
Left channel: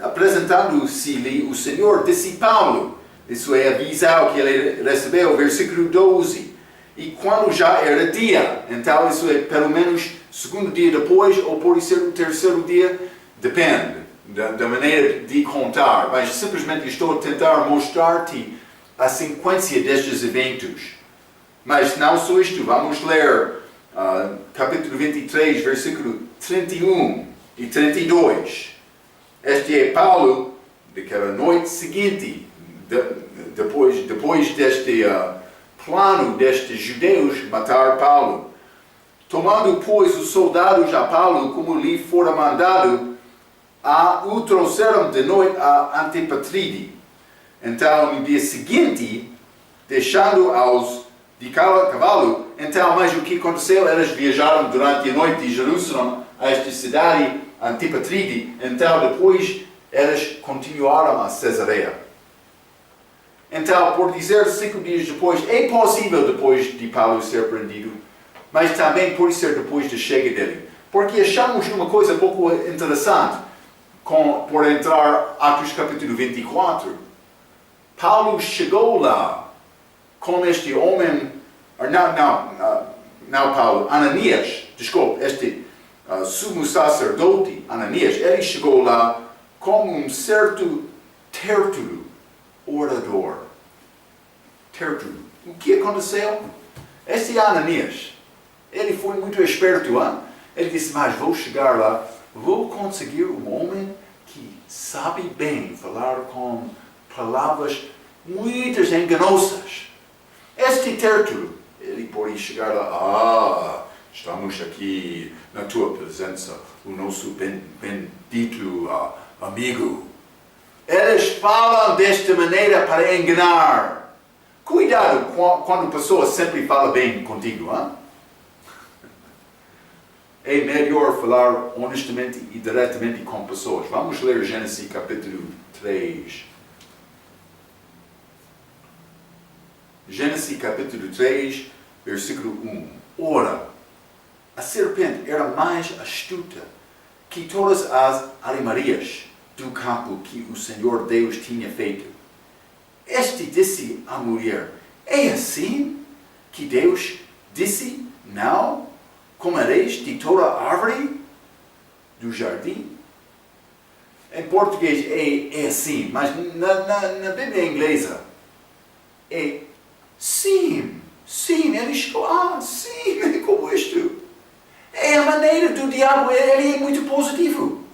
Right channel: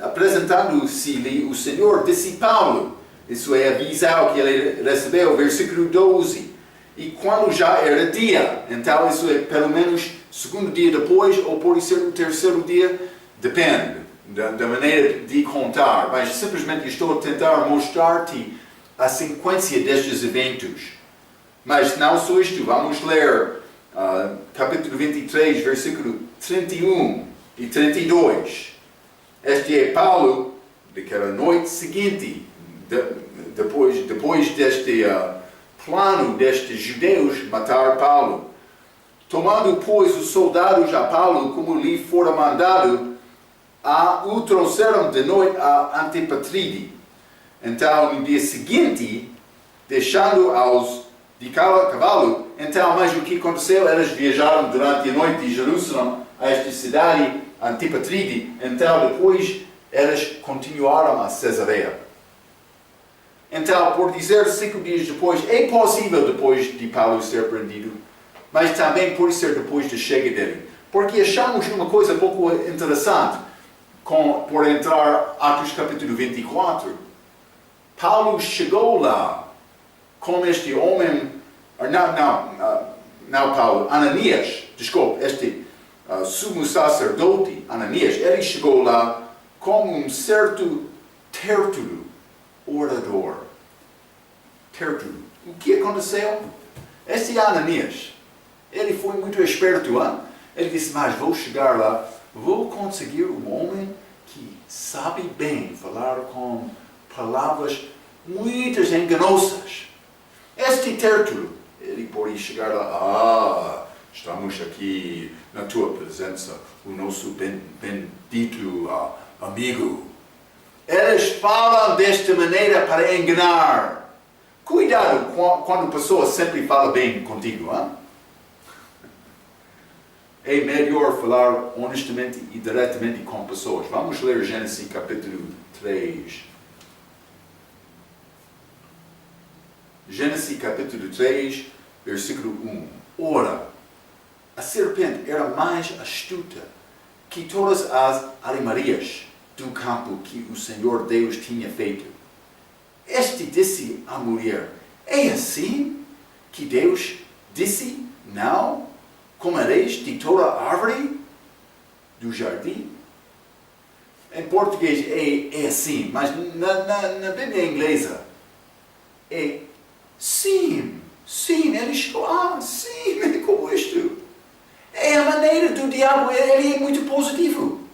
apresentando-se-lhe o Senhor, disse Paulo, isso é a visão que ele recebeu, versículo 12. E quando já era dia, então isso é pelo menos segundo dia depois, ou pode ser o terceiro dia, depende da maneira de contar. Mas simplesmente estou a tentar mostrar-te a sequência destes eventos. Mas não só isto, vamos ler capítulo 23, versículo 31 e 32. Este é Paulo, daquela noite seguinte, depois deste plano destes judeus matar Paulo. Tomando, pois, os soldados a Paulo, como lhe fora mandado, o trouxeram de noite a Antipatride. Então, no dia seguinte, deixando-os de cavalo, então, mas o que aconteceu? Eles viajaram durante a noite de Jerusalém a esta cidade, Antipatride. Então, depois, eles continuaram a Cesareia. Então, por dizer 5 dias depois, é possível depois de Paulo ser prendido, mas também pode ser depois da chegada dele. Porque achamos uma coisa pouco interessante por entrar Atos capítulo 24. Paulo chegou lá com este homem, não Paulo, Ananias, desculpe, este sumo sacerdote Ananias, ele chegou lá com um certo Tértulo, orador. Tértulo. O que aconteceu? Este Ananias, ele foi muito esperto, hein? Ele disse, mas vou chegar lá, vou conseguir um homem que sabe bem falar com palavras muitas enganosas. Este Tértulo, ele pode chegar lá, estamos aqui na tua presença, o nosso bendito amigo. Eles falam desta maneira para enganar. Cuidado quando a pessoa sempre fala bem contigo, hein? É melhor falar honestamente e diretamente com pessoas. Vamos ler Gênesis capítulo 3. Gênesis capítulo 3, versículo 1. Ora, a serpente era mais astuta que todas as armarias do campo que o Senhor Deus tinha feito. Este disse à mulher: é assim que Deus disse: não comereis de toda árvore do jardim? Em português é assim, mas na Bíblia inglesa é sim. Sim, ele chegou, sim, é como isto. É a maneira do diabo, ele é muito positivo.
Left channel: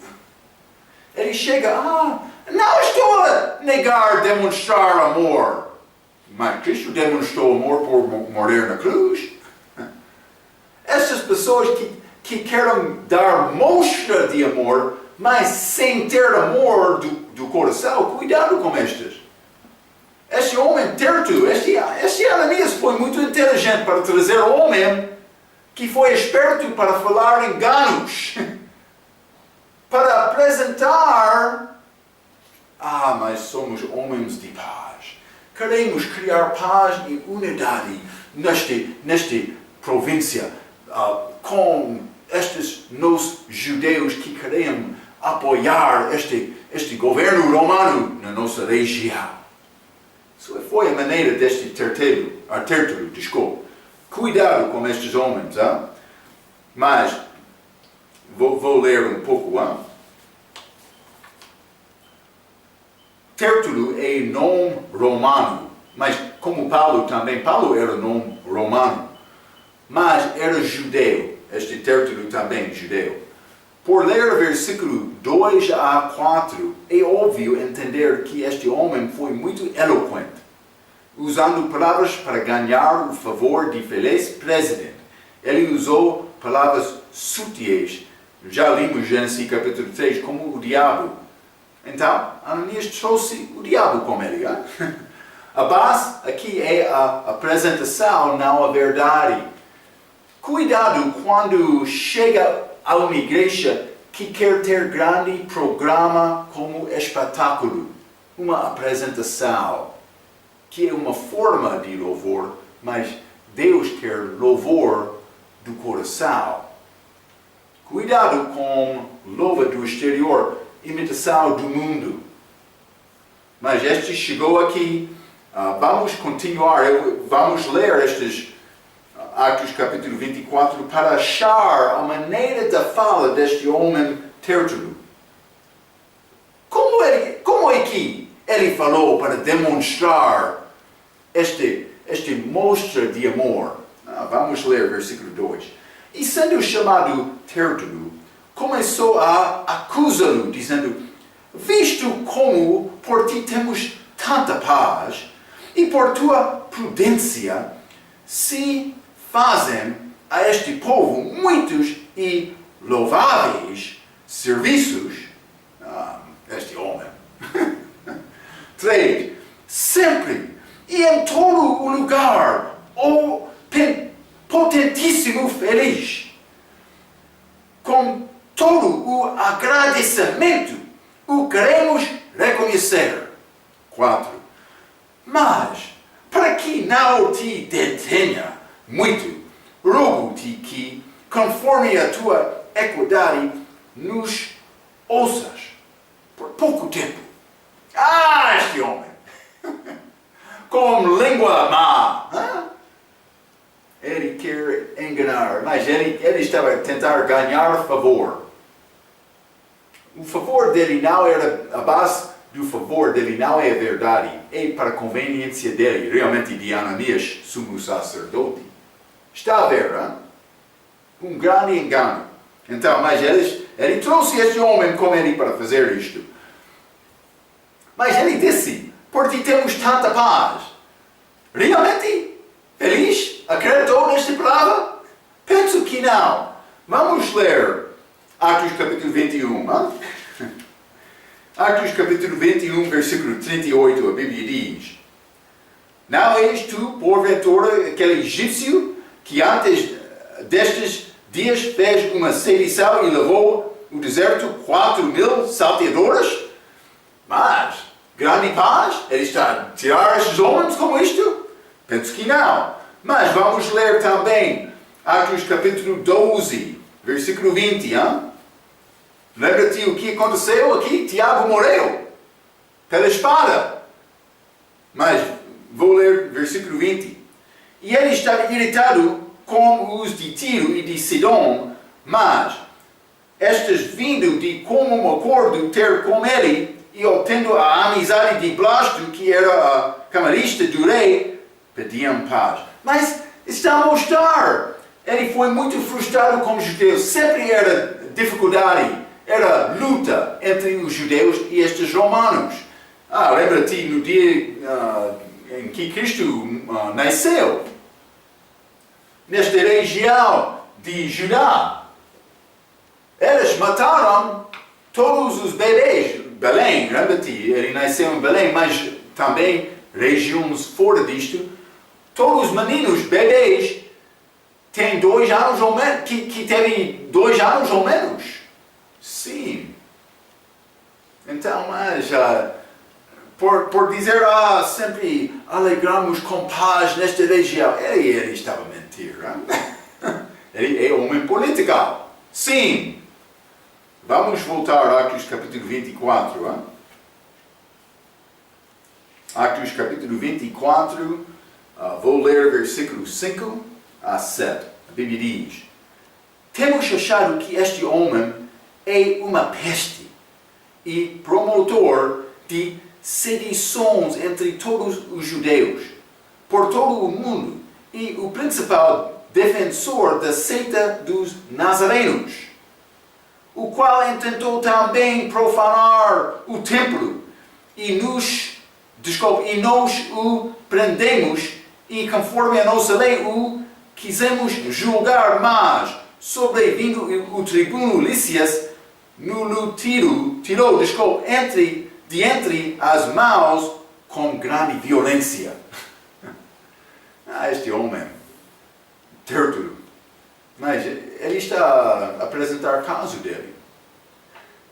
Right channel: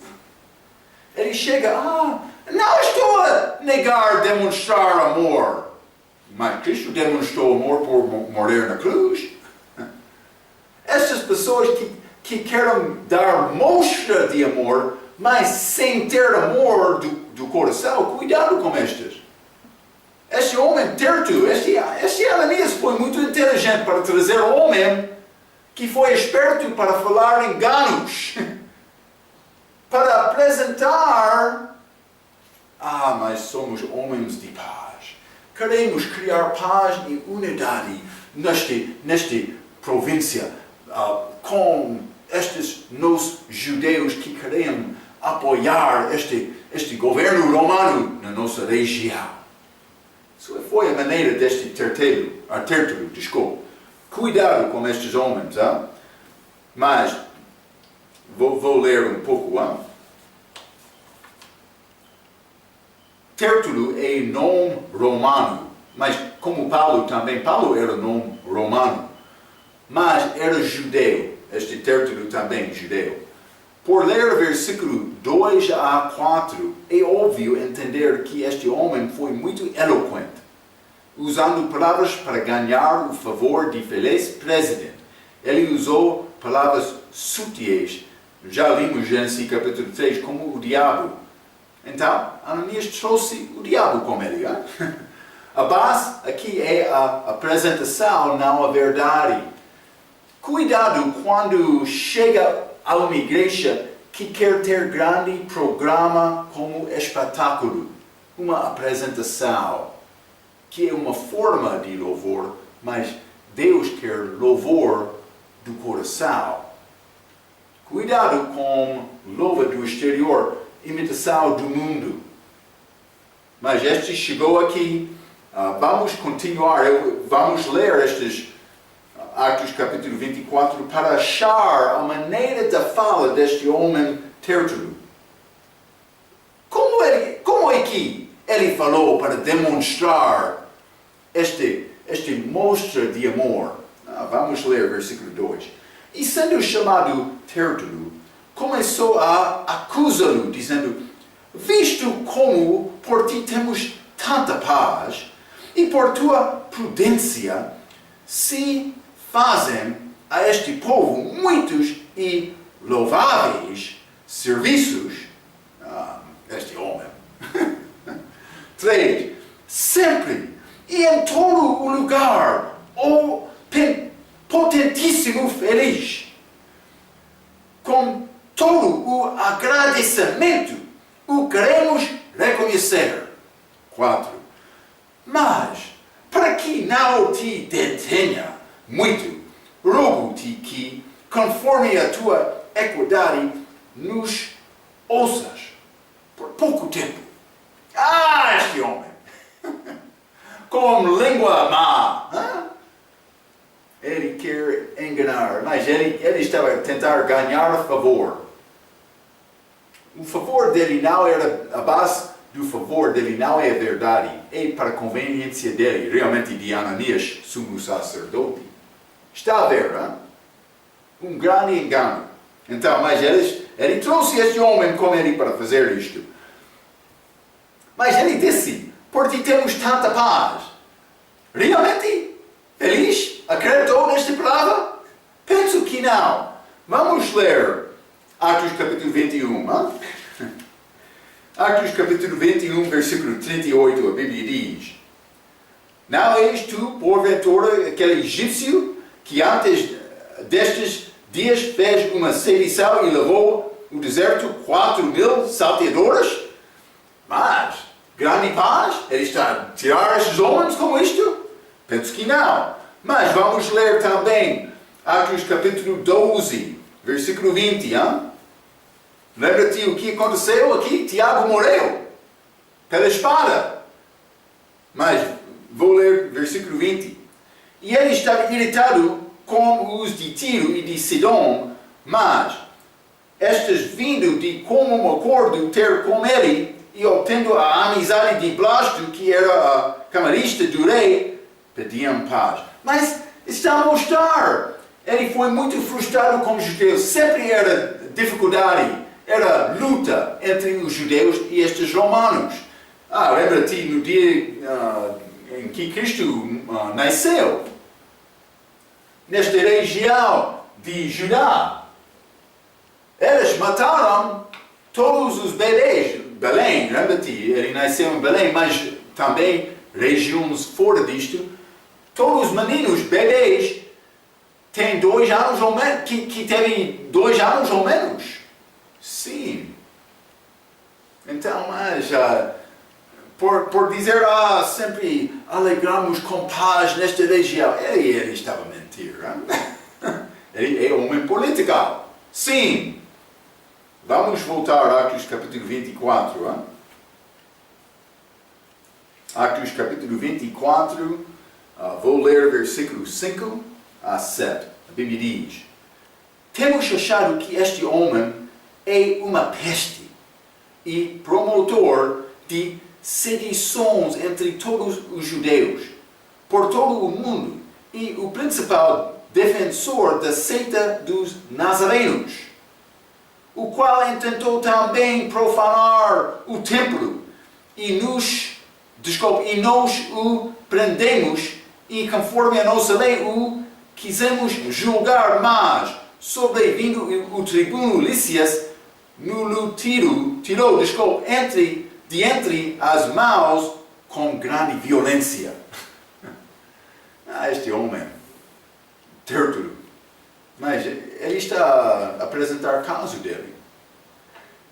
Ele chega, não estou a negar demonstrar amor. Mas Cristo demonstrou amor por morrer na cruz. Essas pessoas que querem dar mostra de amor, mas sem ter amor do coração, cuidado com estas. Este homem Tertulo, este Ananias foi muito inteligente para trazer um homem que foi esperto para falar enganos, para apresentar, mas somos homens de paz. Queremos criar paz e unidade nesta província, com estes nós judeus que queremos apoiar este governo romano na nossa região. Isso foi a maneira deste Tertulo, desculpa. Cuidado com estes homens, Mas, vou ler um pouco, Tertulo é nome romano, mas como Paulo também, Paulo era nome romano, mas era judeu, este Tertulo também judeu. Por ler versículo 2 a 4, é óbvio entender que este homem foi muito eloquente, usando palavras para ganhar o favor de feliz presidente. Ele usou palavras sutis. Já limos Gênesis capítulo 3 como o diabo. Então, Ananias trouxe o diabo com ele. A base aqui é a apresentação, não a verdade. Cuidado quando chega a uma igreja que quer ter grande programa como espetáculo, uma apresentação, que é uma forma de louvor, mas Deus quer louvor do coração. Cuidado com louva do exterior, imitação do mundo. Mas este chegou aqui, vamos continuar, vamos ler estes Atos capítulo 24, para achar a maneira da fala deste homem Tertulo. Como é que ele falou para demonstrar este mostra de amor? Vamos ler versículo 2. E sendo chamado Tertulo, começou a acusá-lo, dizendo: visto como por ti temos tanta paz, e por tua prudência se fazem a este povo muitos e louváveis serviços. Este homem. 3. Sempre e em todo o lugar, o potentíssimo feliz, com todo o agradecimento, o queremos reconhecer. 4. Mas, para que não te detenha muito, rogo-te que, conforme a tua equidade, nos ouças por pouco tempo. Este homem! Com língua má! Ele quer enganar, mas ele estava a tentar ganhar favor. O favor dele não era, a base do favor dele não é a verdade, é para a conveniência dele, realmente de Ananias, sumo sacerdote. Está a ver, um grande engano. Então, mas ele trouxe este homem com ele para fazer isto. Mas ele disse: por ti temos tanta paz. Realmente? Feliz? Acreditou nesta palavra? Penso que não. Vamos ler Atos capítulo 21. Atos capítulo 21, versículo 38, a Bíblia diz: não és tu, porventura, aquele egípcio que antes destes dias fez uma sedição e levou o deserto 4.000 salteadores? Mas, grande paz, ele está a tirar estes homens como isto? Penso que não. Mas vamos ler também Atos capítulo 12, versículo 20. Lembra-te o que aconteceu aqui? Tiago morreu pela espada. Mas vou ler versículo 20. E ele estava irritado com os de Tiro e de Sidom, mas estes vindo de comum acordo ter com ele e obtendo a amizade de Blasto, que era a camarista do rei, pediam paz. Mas está a mostrar, ele foi muito frustrado com os judeus, sempre era dificuldade, era luta entre os judeus e estes romanos. Lembra-te no dia em que Cristo nasceu, nesta região de Judá. Eles mataram todos os bebês. Belém, lembra-te, ele nasceu em Belém, mas também regiões fora disto. Todos os meninos, bebês, têm 2 anos ou menos, que teve 2 anos ou menos. Sim. Então, mas por dizer, sempre alegramos com paz nesta região, ele estava a mentir. Ele é homem político. Sim. Vamos voltar a Atos capítulo 24. Atos capítulo 24, vou ler versículos 5 a 7. A Bíblia diz: temos achado que este homem é uma peste e promotor de sedições entre todos os judeus, por todo o mundo, e o principal defensor da seita dos nazarenos, o qual intentou também profanar o templo, e nós o prendemos, e conforme a nossa lei o quisemos julgar, mas, sobrevindo o tribuno Lícias, no tirou de entre as mãos com grande violência. Este homem, Tértulo, mas ele está a apresentar o caso dele.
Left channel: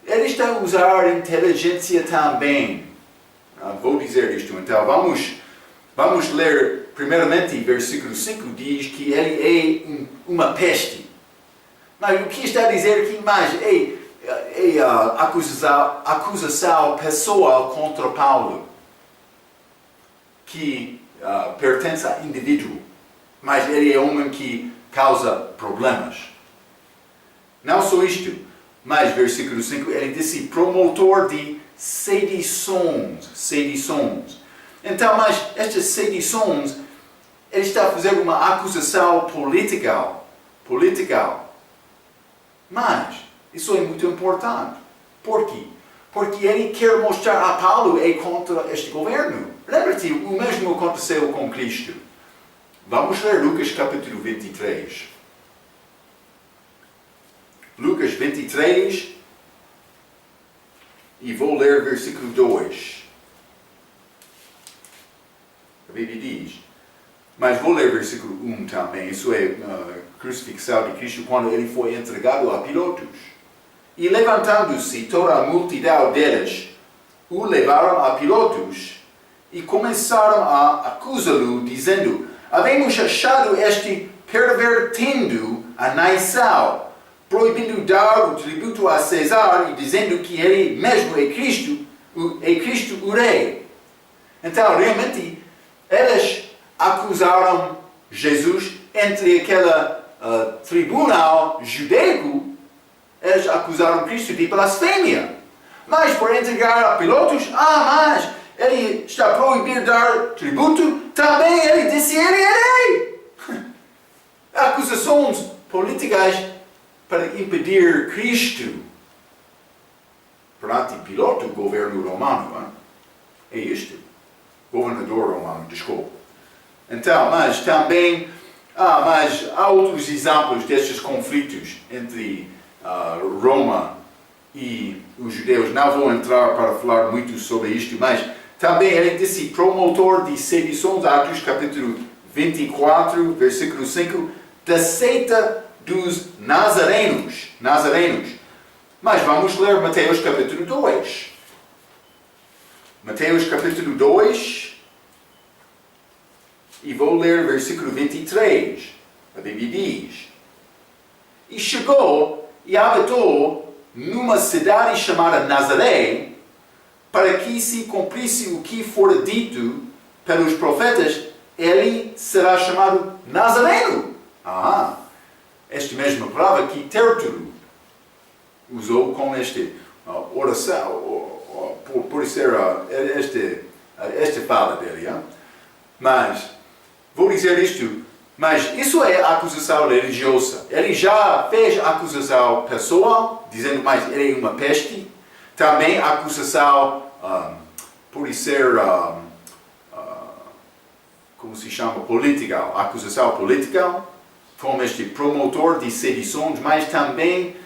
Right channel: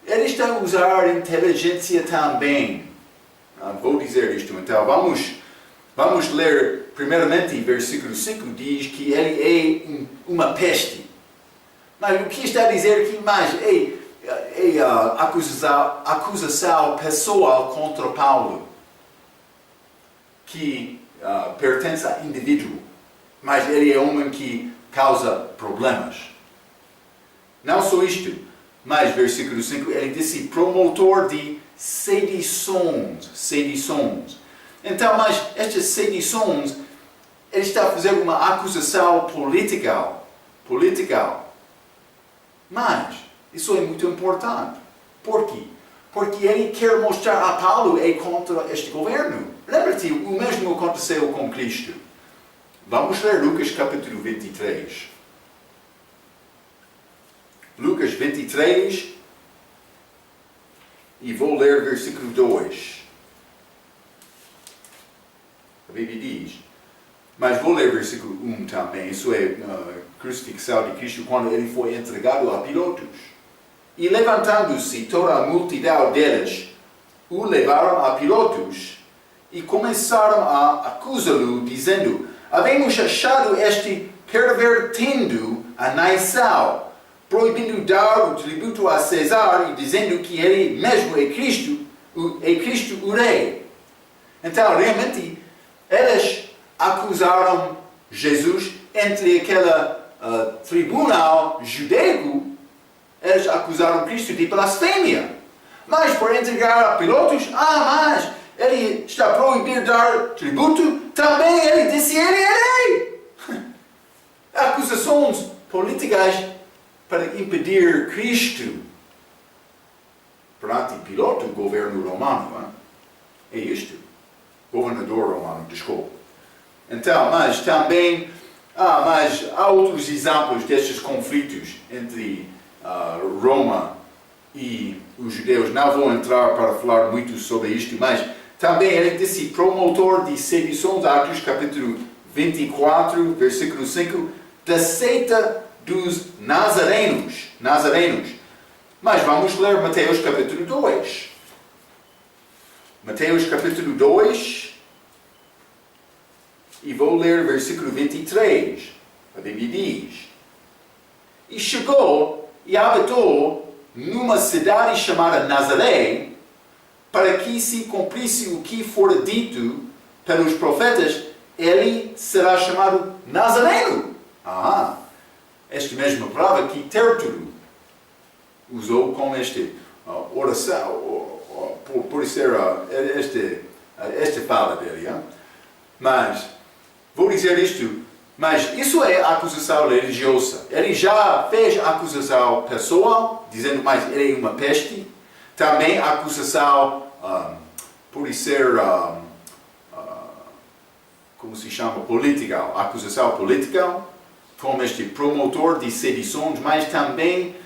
Ele está a usar inteligência também. Vou dizer isto, então vamos ler primeiramente versículo 5, diz que ele é uma peste. Mas o que está a dizer aqui mais é acusação pessoal contra Paulo, que pertence a indivíduo, mas ele é homem que causa problemas. Não só isto, mas versículo 5, ele disse promotor de sedições. Então, mas estas sedições, ele está a fazer uma acusação política. Mas isso é muito importante. Por quê? Porque ele quer mostrar a Paulo é contra este governo. Lembra-te, o mesmo aconteceu com Cristo. Vamos ler Lucas capítulo 23. Lucas 23, e vou ler versículo 2. A Bíblia diz, mas vou ler versículo 1 também. Isso é a crucifixão de Cristo quando ele foi entregado a Pilatos. E levantando-se toda a multidão deles, o levaram a Pilatos e começaram a acusá-lo, dizendo: havemos achado este pervertendo a nação, proibindo dar o tributo a César e dizendo que ele mesmo é Cristo o rei. Então, realmente, eles acusaram Jesus entre aquele tribunal judaico. Eles acusaram Cristo de blasfêmia. Mas por entregar a Pilatos, mas ele está a proibir dar tributo, também ele disse ele é rei. Acusações políticas para impedir Cristo perante Pilato, o governo romano. É isto. Governador romano, desculpa. Então, mas também, mas há outros exemplos destes conflitos entre Roma e os judeus. Não vou entrar para falar muito sobre isto, mas também ele disse promotor de sedições, Atos capítulo 24, versículo 5, da seita dos nazarenos. Mas vamos ler Mateus capítulo 2. Mateus capítulo 2, e vou ler versículo 23. A Bíblia diz: e chegou e habitou numa cidade chamada Nazaré, para que se cumprisse o que fora dito pelos profetas, ele será chamado Nazareno. Esta mesma palavra que Tértulo usou com esta oração, por ser esta fala dele. Mas, vou dizer isto, mas isso é acusação religiosa. Ele já fez acusação pessoal, dizendo mais ele é uma peste. Também acusação, por ser, como se chama, política, acusação política, como este promotor de sedições, mas também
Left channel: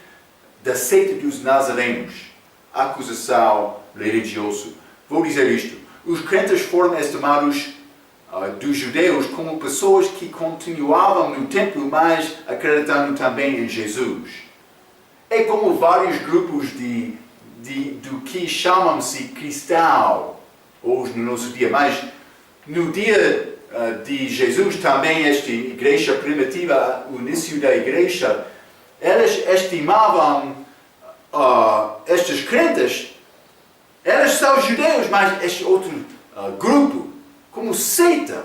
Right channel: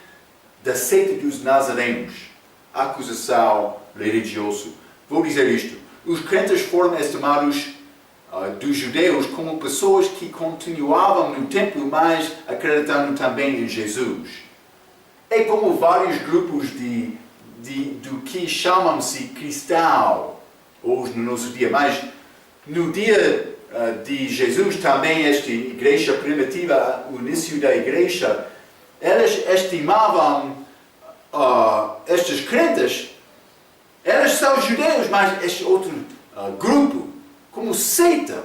da seita dos nazarenos, acusação religiosa. Vou dizer isto, os crentes foram estimados dos judeus como pessoas que continuavam no templo, mas acreditando também em Jesus. É como vários grupos do que chamam-se cristão hoje no nosso dia, mas no dia de Jesus também esta igreja primitiva, o início da igreja, eles estimavam estes crentes, eles são judeus, mas este outro grupo, como seita.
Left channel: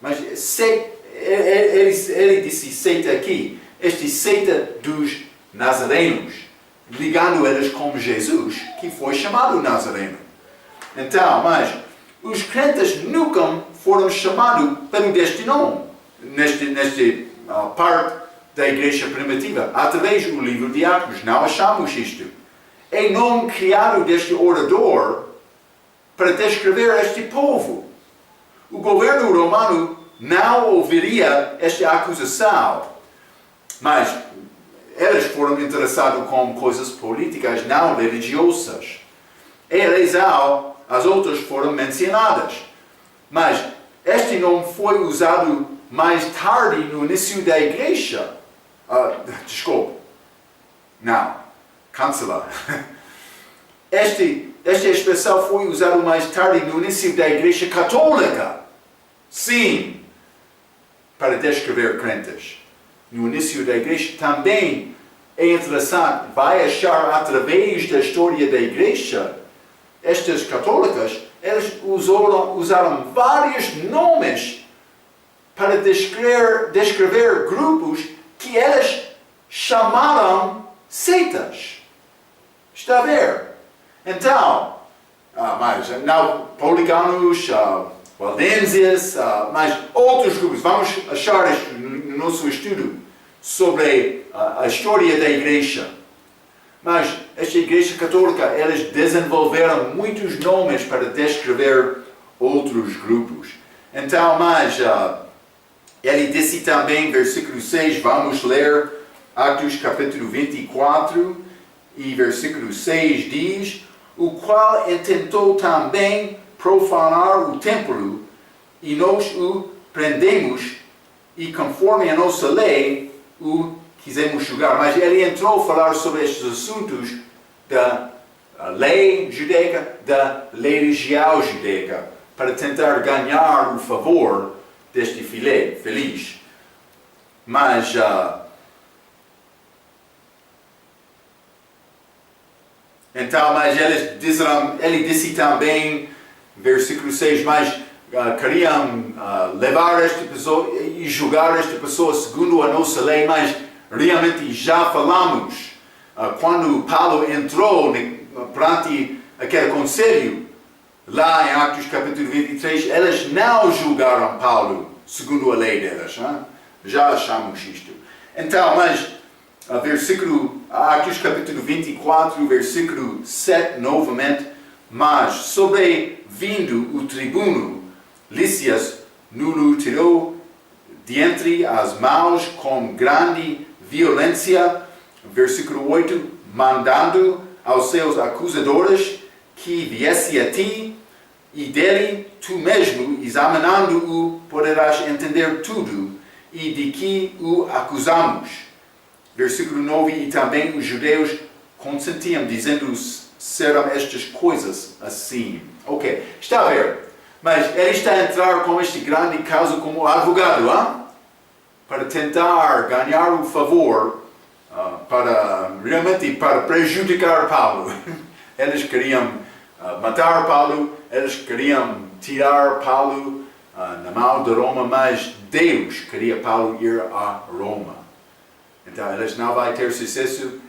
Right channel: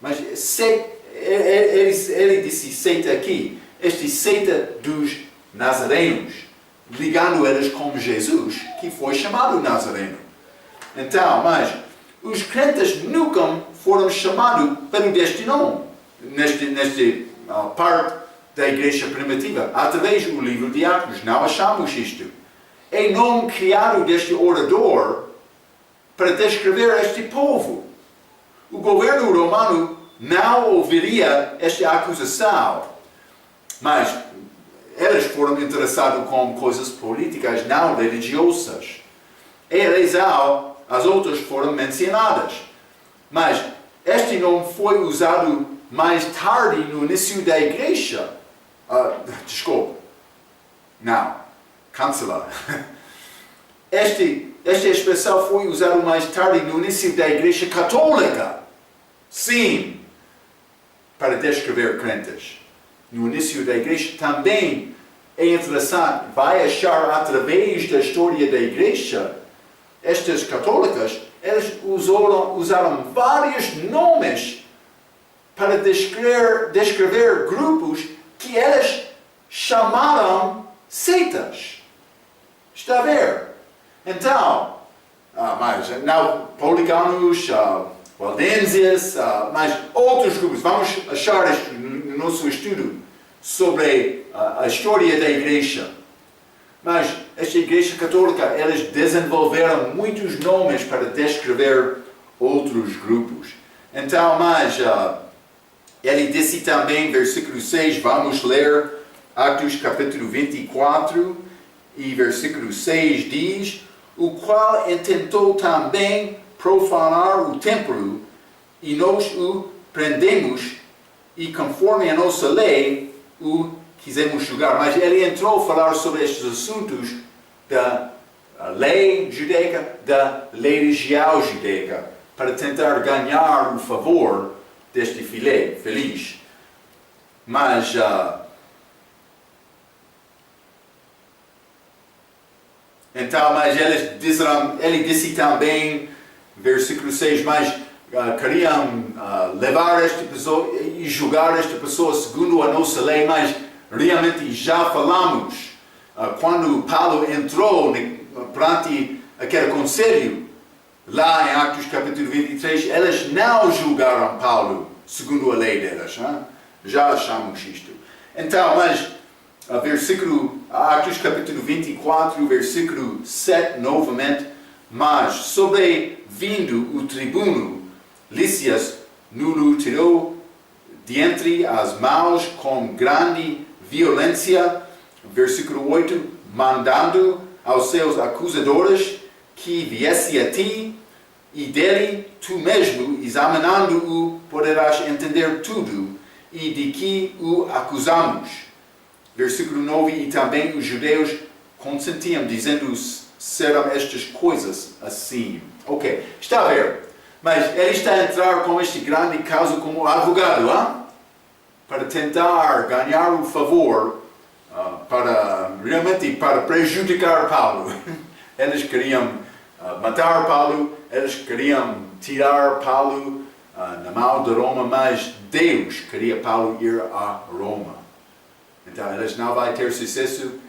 Mas ele disse seita aqui, esta seita dos nazarenos, ligando eles com Jesus, que foi chamado Nazareno. Então, mas os crentes nunca foram chamados pelo deste nome, nesta parte da igreja primitiva, através do livro de Atos. Não achamos isto. É nome criado deste orador para descrever este povo. O governo romano não ouviria esta acusação, mas eles foram interessados com coisas políticas, não religiosas. É a razão, as outras foram mencionadas. Mas este nome foi usado mais tarde no início da igreja. Cancelar. Esta expressão foi usada mais tarde no início da igreja católica. Sim, para descrever crentes. No início da igreja também é interessante, vai achar através da história da igreja, estas católicas, eles usaram vários nomes para descrever grupos que eles chamaram seitas. Está a ver? Então, mas não poliganos, waldenses, mas outros grupos. Vamos achar isto no nosso estudo sobre a história da igreja. Mas esta igreja católica, eles desenvolveram muitos nomes para descrever outros grupos. Então, mas ele disse também, versículo 6, vamos ler Atos capítulo 24 e versículo 6 diz: o qual intentou também profanar o templo, e nós o prendemos, e conforme a nossa lei o quisemos julgar. Mas ele entrou a falar sobre estes assuntos da lei judaica, da lei regial judaica, para tentar ganhar o favor deste feliz. Mas então, mas ele disse também, versículo 6, mas queriam levar esta pessoa e julgar esta pessoa segundo a nossa lei, mas realmente já falamos, quando Paulo entrou perante aquele conselho, lá em Atos capítulo 23, eles não julgaram Paulo segundo a lei deles. Já achamos isto. Então, mas Atos capítulo 24, versículo 7, novamente, mas sobrevindo o tribuno Lícias, nulo tirou de entre as mãos com grande violência, versículo 8, mandando aos seus acusadores que viesse a ti, e dele tu mesmo, examinando-o, poderás entender tudo, e de que o acusamos. Versículo 9, e também os judeus consentiam, dizendo serão estas coisas assim. Ok, está a ver? Mas ele está a entrar com este grande caso como advogado, para tentar ganhar o favor, realmente para prejudicar Paulo. Eles queriam matar Paulo, eles queriam tirar Paulo na mão de Roma, mas Deus queria Paulo ir a Roma. Então eles não vão ter sucesso.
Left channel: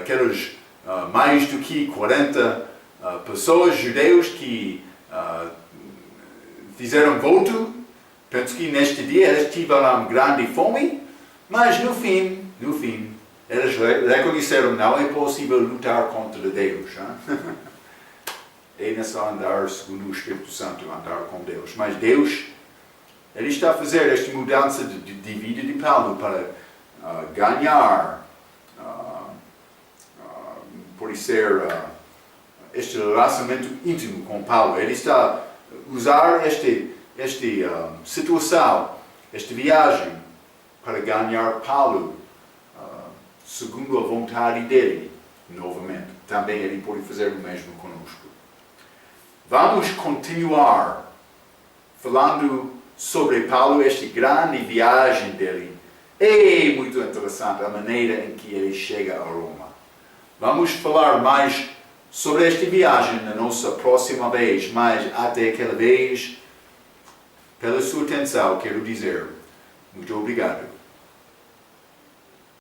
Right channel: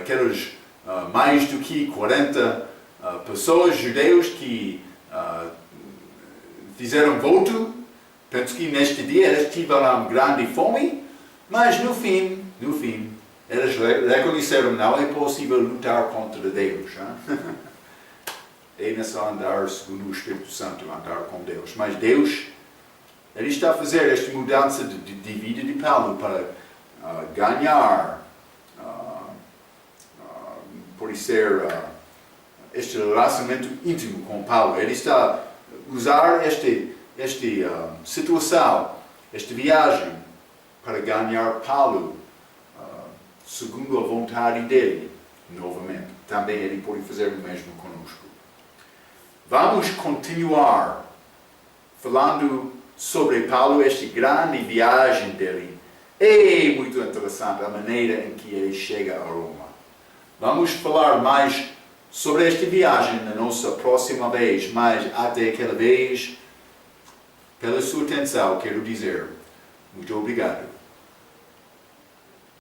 Aqueles mais do que 40 pessoas judeus que fizeram voto. Penso que neste dia eles tiveram grande fome, mas no fim, eles reconheceram que não é possível lutar contra Deus. É necessário andar segundo o Espírito Santo, andar com Deus. Mas Deus, Ele está a fazer esta mudança de vida de Paulo para ganhar, por ser este relacionamento íntimo com Paulo. Ele está a usar esta situação, esta viagem, para ganhar Paulo segundo a vontade dele, novamente. Também ele pode fazer o mesmo conosco. Vamos continuar falando sobre Paulo, esta grande viagem dele. É muito interessante a maneira em que ele chega a Roma. Vamos falar mais sobre esta viagem na nossa próxima vez, mas até aquela vez, pela sua atenção, quero dizer muito obrigado.